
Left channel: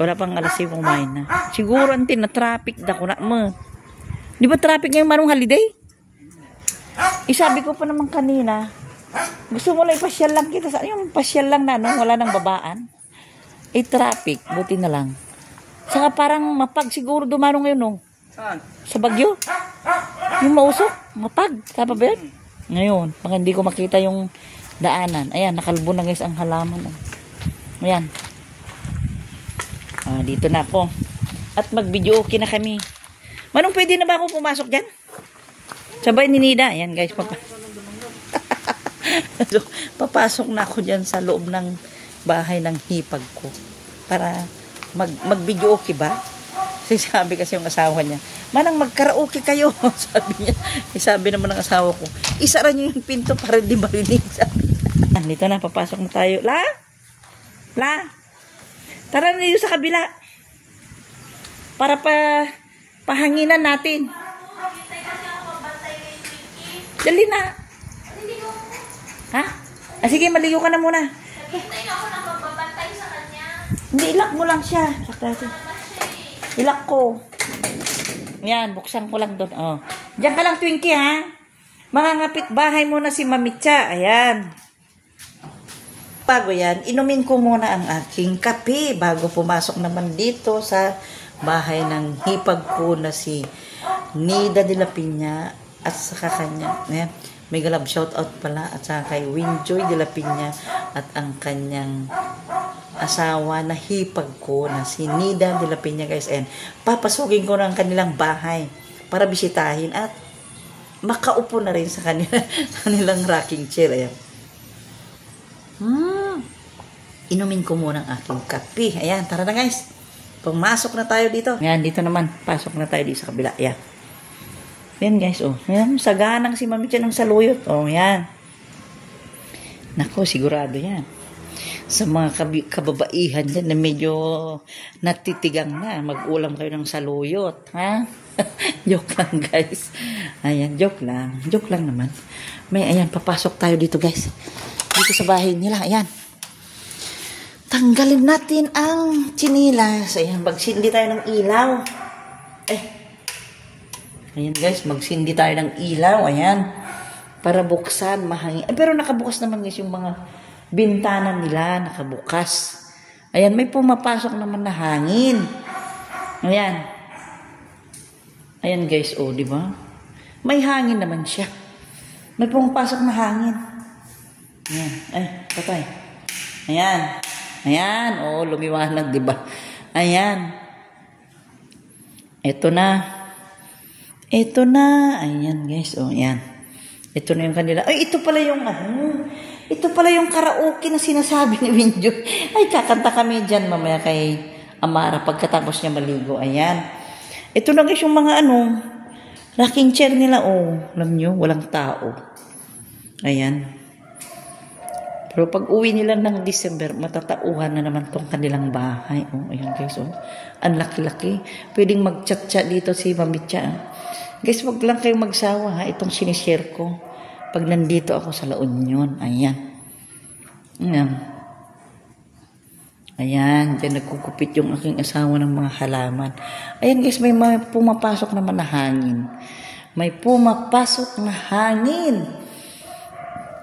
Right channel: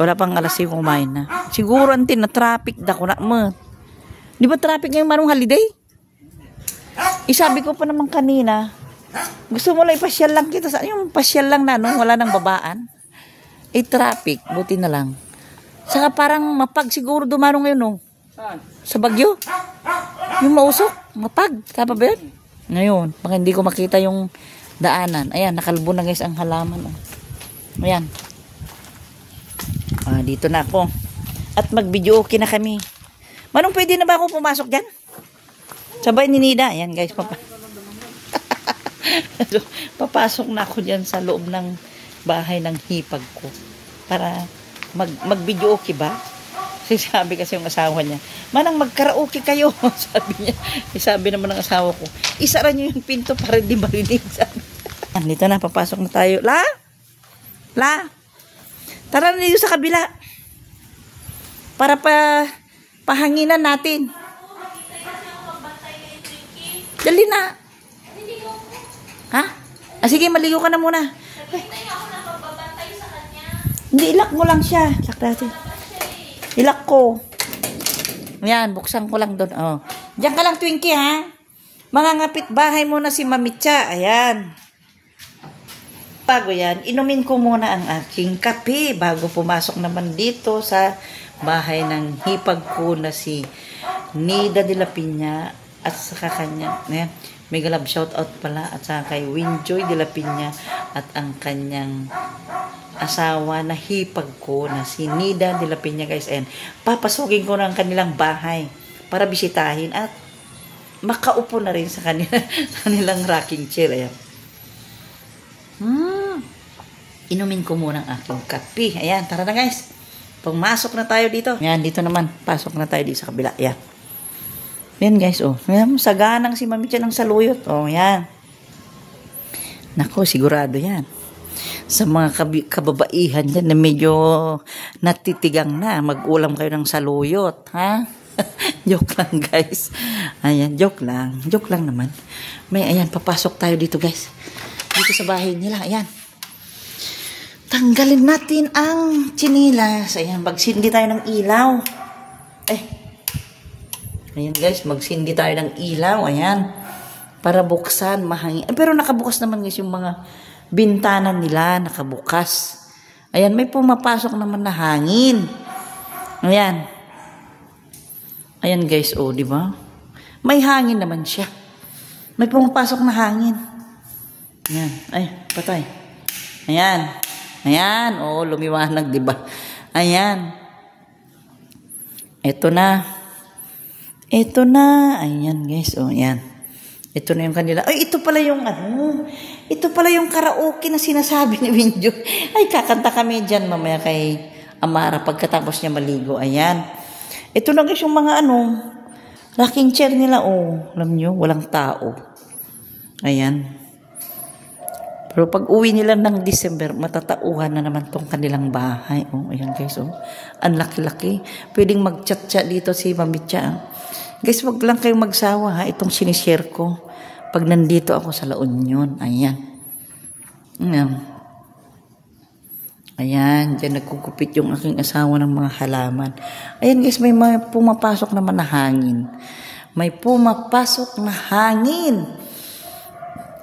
Wala pang alas 5 kumain na. Siguro, na traffic na ko na mo. Di ba traffic ngayong marong holiday? Sabi ko pa naman kanina, gusto mo lang ipasyal lang kita. Yung pasyal lang na, no? Wala nang babaan. Traffic. Buti na lang. Saka parang mapag siguro dumaro ngayon, no? Sa Bagyo. Yung mausok. Mapag. Tama ba yan? Ngayon, baka hindi ko makita yung daanan. Ayan, nakalbo na, guys, ang halaman. Oh. Ayan. Dito na ako. At mag-video okay na kami. Manong, pwede na ba ako pumasok dyan? Sabay ni Nida. Ayan guys, so, papasok na ako dyan sa loob ng bahay ng hipag ko. Para mag-video okay ba? Sabi kasi yung asawa niya, Manang, mag-karaoke kayo. Sabi niya. Sabi naman ng asawa ko, isara niyo yung pinto para di marinig. Sabi niya. Dito na, papasok na tayo. La? Tara na dito sa kabila. Para pahanginan natin. Dali na. Ha? Sige, maligo ka na muna. Hindi, ilak mo lang siya. Sakto. Ilak ko. Ayan, buksan ko lang doon. Oh. Diyan ka lang, Twinkie, ha? Mangangapit bahay muna si Mamitsa. Ayan. Bago yan, inumin ko muna ang aking kape bago pumasok naman dito sa bahay ng hipag ko na si Nida de la Piña at saka kanya. Ayan. Mega love shout out pala at saka kay Winjoy de la Piña at ang kanyang asawa na hipag ko na si Nida de la Piña, guys. Ayan, papasukin ko ng kanilang bahay para bisitahin at makaupo na rin sa kanilang rocking chair. Ayan. Inumin ko muna ang aking kape. Ayan, tara na guys. Pumasok na tayo dito. Ayan, dito naman. Pasok na tayo dito sa kabila. Ayan. Ayan guys, oh. Ayan, saganang si Mami Chan ng saluyot. Oh, ayan. Nako, sigurado yan. Sa mga kababaihan dyan na medyo natitigang na, mag-ulam kayo ng saluyot. Ha? Joke lang guys. Ayan, joke lang. Joke lang naman. Ayan, papasok tayo dito guys. Dito sa bahay nila. Ayan. Tanggalin natin ang chinilas. Ayan, magsindi tayo ng ilaw. Ayan guys, magsindi tayo ng ilaw. Ayan. Para buksan, mahangin. Pero nakabukas naman guys yung mga bintana nila. Nakabukas. Ayan, may pumapasok naman na hangin. Ayan. Ayan guys, oh, di ba? May hangin naman siya. May pumapasok na hangin. Ayan. Ay, patay. Ayan. Ayan, oh, lumiwanag, di ba? Ayan. Ito na. Ayan, guys, oh, ayan. Ito na yung kanila. Ay, ito pala yung ito pala yung karaoke na sinasabi ni Winjoy. Ay, kakanta kami dyan mamaya kay Amara pagkatapos niya maligo. Ayan. Ito na guys yung mga rocking chair nila, oh. Alam nyo, walang tao. Ayan. Pero pag uwi nila ng December, matatauhan na naman tong kanilang bahay. Oh, ayan guys, oh. Ang laki-laki. Pwedeng mag-chat-chat dito si Mamitsa. Guys, wag lang kayong magsawa, ha. Itong sinishare ko. Pag nandito ako sa La Union. Ayan. Ayan, dyan nagkukupit yung aking asawa ng mga halaman. Ayan guys, may pumapasok naman na hangin. May pumapasok na hangin.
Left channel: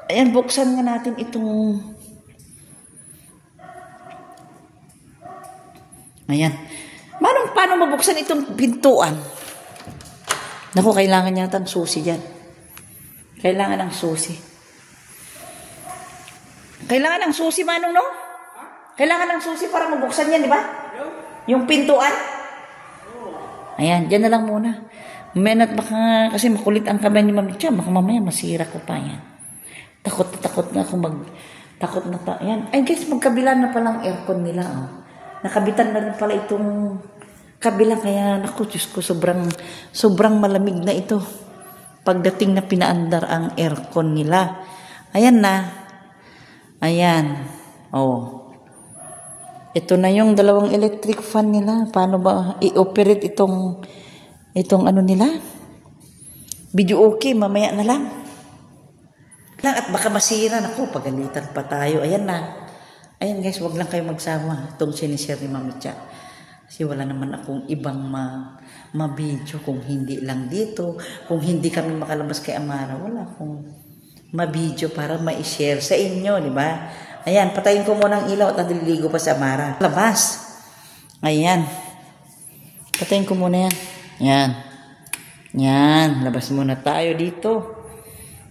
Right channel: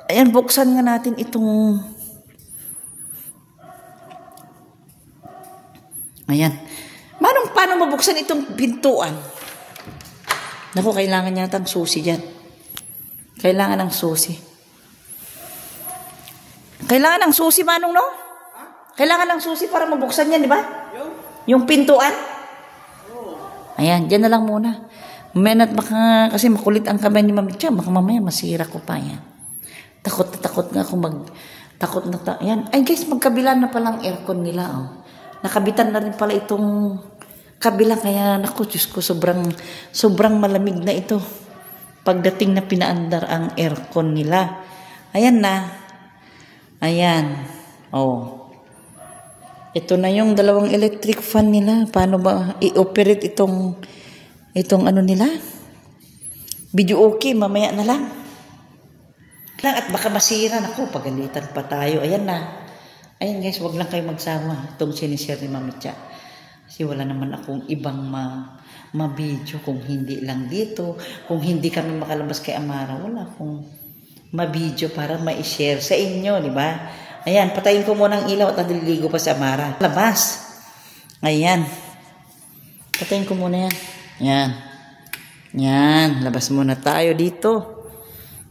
Ayan, buksan nga natin itong... Ayan. Paano mabuksan itong pintuan? Naku, kailangan yata ng susi dyan. Kailangan ng susi. Kailangan ng susi, Manong, no? Kailangan ng susi para mabuksan yan, di ba? Yung pintuan. Ayan, dyan na lang muna. Mamaya baka, kasi makulit ang kamay ni Mamitsa, baka mamaya masira ko pa yan. Takot nga ako ayan. Ay guys, magkabila na palang aircon nila, oh. Nakabitan na rin pala itong kabila, kaya naku, Diyos ko, sobrang malamig na ito. Pagdating na pinaandar ang aircon nila. Ayan na. Ayan. Oh. Ito na yung dalawang electric fan nila. Paano ba i-operate itong nila? Video okay, mamaya na lang. At baka masira. Naku, paganitan pa tayo. Ayan na. Ayan guys, wag lang kayo magsawa. Itong sinishare ni Mamitsa. Kasi wala naman akong ibang ma-video kung hindi lang dito. Kung hindi kami makalabas kay Amara, wala akong ma-video para ma-share sa inyo, di ba? Ayan, patayin ko muna ang ilaw at nadiligo pa sa Amara. Labas. Ayan. Patayin ko muna yan. Ayan. Yan, labas muna tayo dito.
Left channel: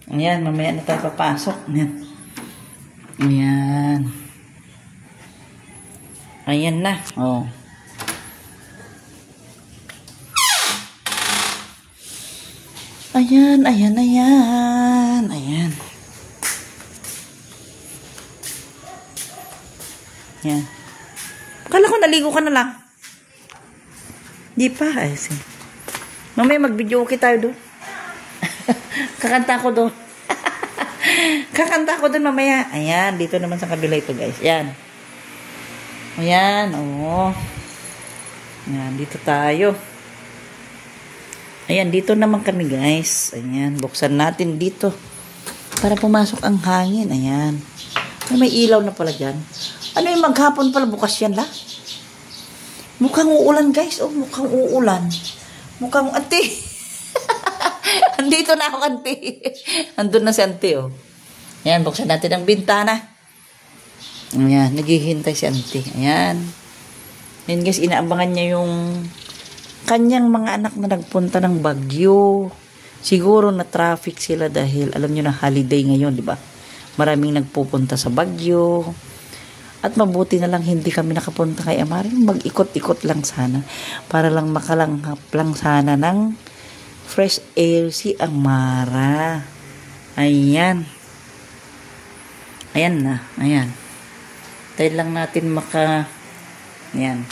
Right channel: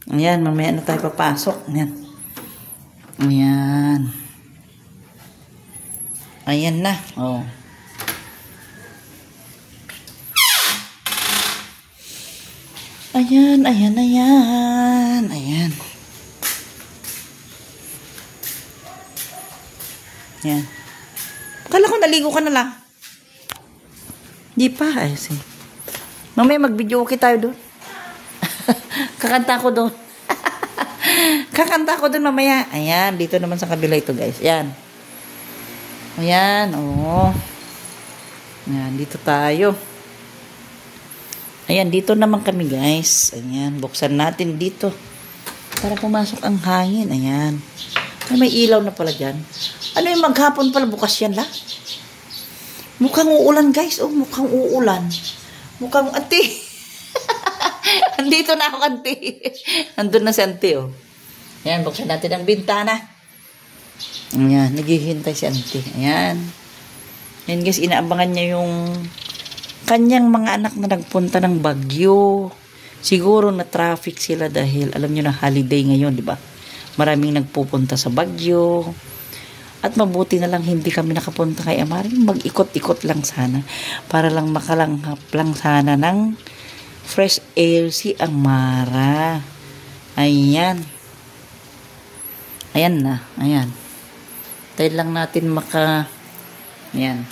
Ayan, mamaya na tayo papasok. Ayan. Ayan. Ayan na. Oh. Ayan, ayan, ayan. Ayan. Ayan. Akala ko naligo ka na lang. Di pa. Ay, sige. Mamaya mag-video okay tayo doon. Kakanta ko doon. Kakanta ko doon mamaya. Ayan, dito naman sa kabila ito guys. Ayan. Ayan, oo. Ayan, dito tayo. Ayan, dito naman kami guys. Ayan, buksan natin dito. Para pumasok ang hangin. Ayan. Ay, may ilaw na pala dyan. Ano yung maghapon pala? Bukas yan lang. Mukhang uulan guys. Oh, mukhang uulan. Mukhang ante. Andito na ako, ante. Andun na si ante, oh. Ayan, buksan natin ang bintana. Ayan, naghihintay si ante. Ayan. Ayan guys, inaabangan niya yung kanyang mga anak na nagpunta ng Baguio. Siguro na traffic sila dahil alam niyo na holiday ngayon, di ba? Maraming nagpupunta sa Baguio. At mabuti na lang hindi kami nakapunta kay Amara. Mag-ikot-ikot lang sana. Para lang makalanghap lang sana ng fresh air si Amara. Ayan. Ayan na. Ayan. Tayo lang natin Ayan.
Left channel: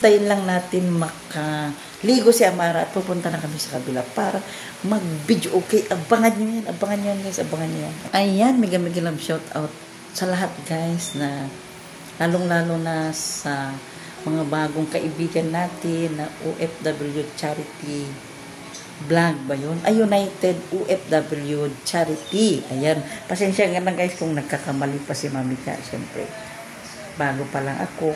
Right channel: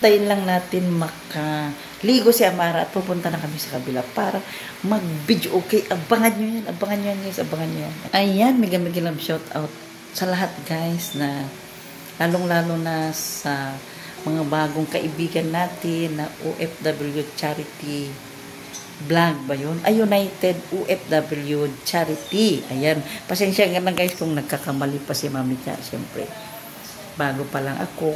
Tayo lang natin ligo si Amara at pupunta na kami sa kabila para mag-video okay. Abangan nyo yan. Abangan nyo yan guys. Abangan nyo yan. Ayan. Mega love shout out sa lahat guys na lalong-lalo na sa mga bagong kaibigan natin na OFW Charity Vlog ba yun? United OFW Charity. Ayan. Pasensya ka na guys kung nagkakamali pa si Mami Cha. Siyempre, bago pa lang ako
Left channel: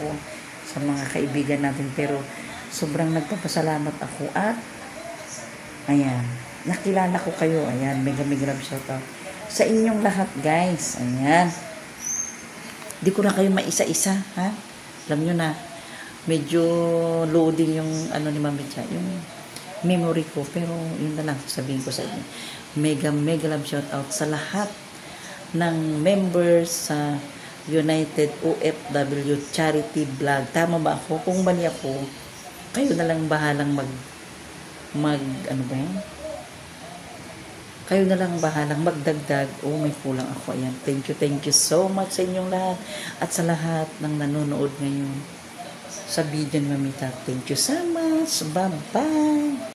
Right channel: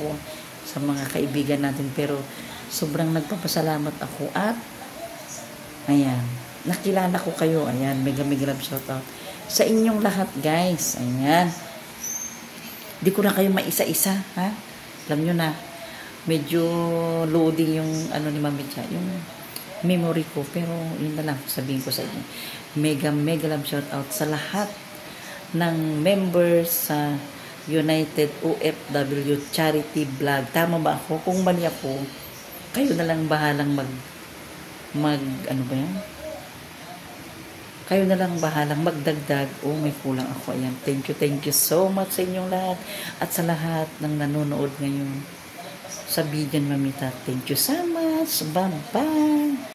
sa mga kaibigan natin. Pero sobrang nagpapasalamat ako at ayan, nakilala ko kayo. Ayan, mega love shout out sa inyong lahat guys. Ayan. Di ko na kayo maisa-isa, ha? Alam nyo na, medyo loading yung ni Mami Cha, yung memory ko. Pero yun na lang, sabihin ko sa inyo. Mega love shout out sa lahat ng members sa United OFW Charity Vlog. Tama ba ako? Kung mali ako, kayo na lang bahalang ano ba yan? Kayo na lang bahalang magdagdag o may kulang ako. Ayan, thank you so much sa inyong lahat at sa lahat ng nanonood ngayon sa video ni Mamita. Thank you so much. Bye-bye.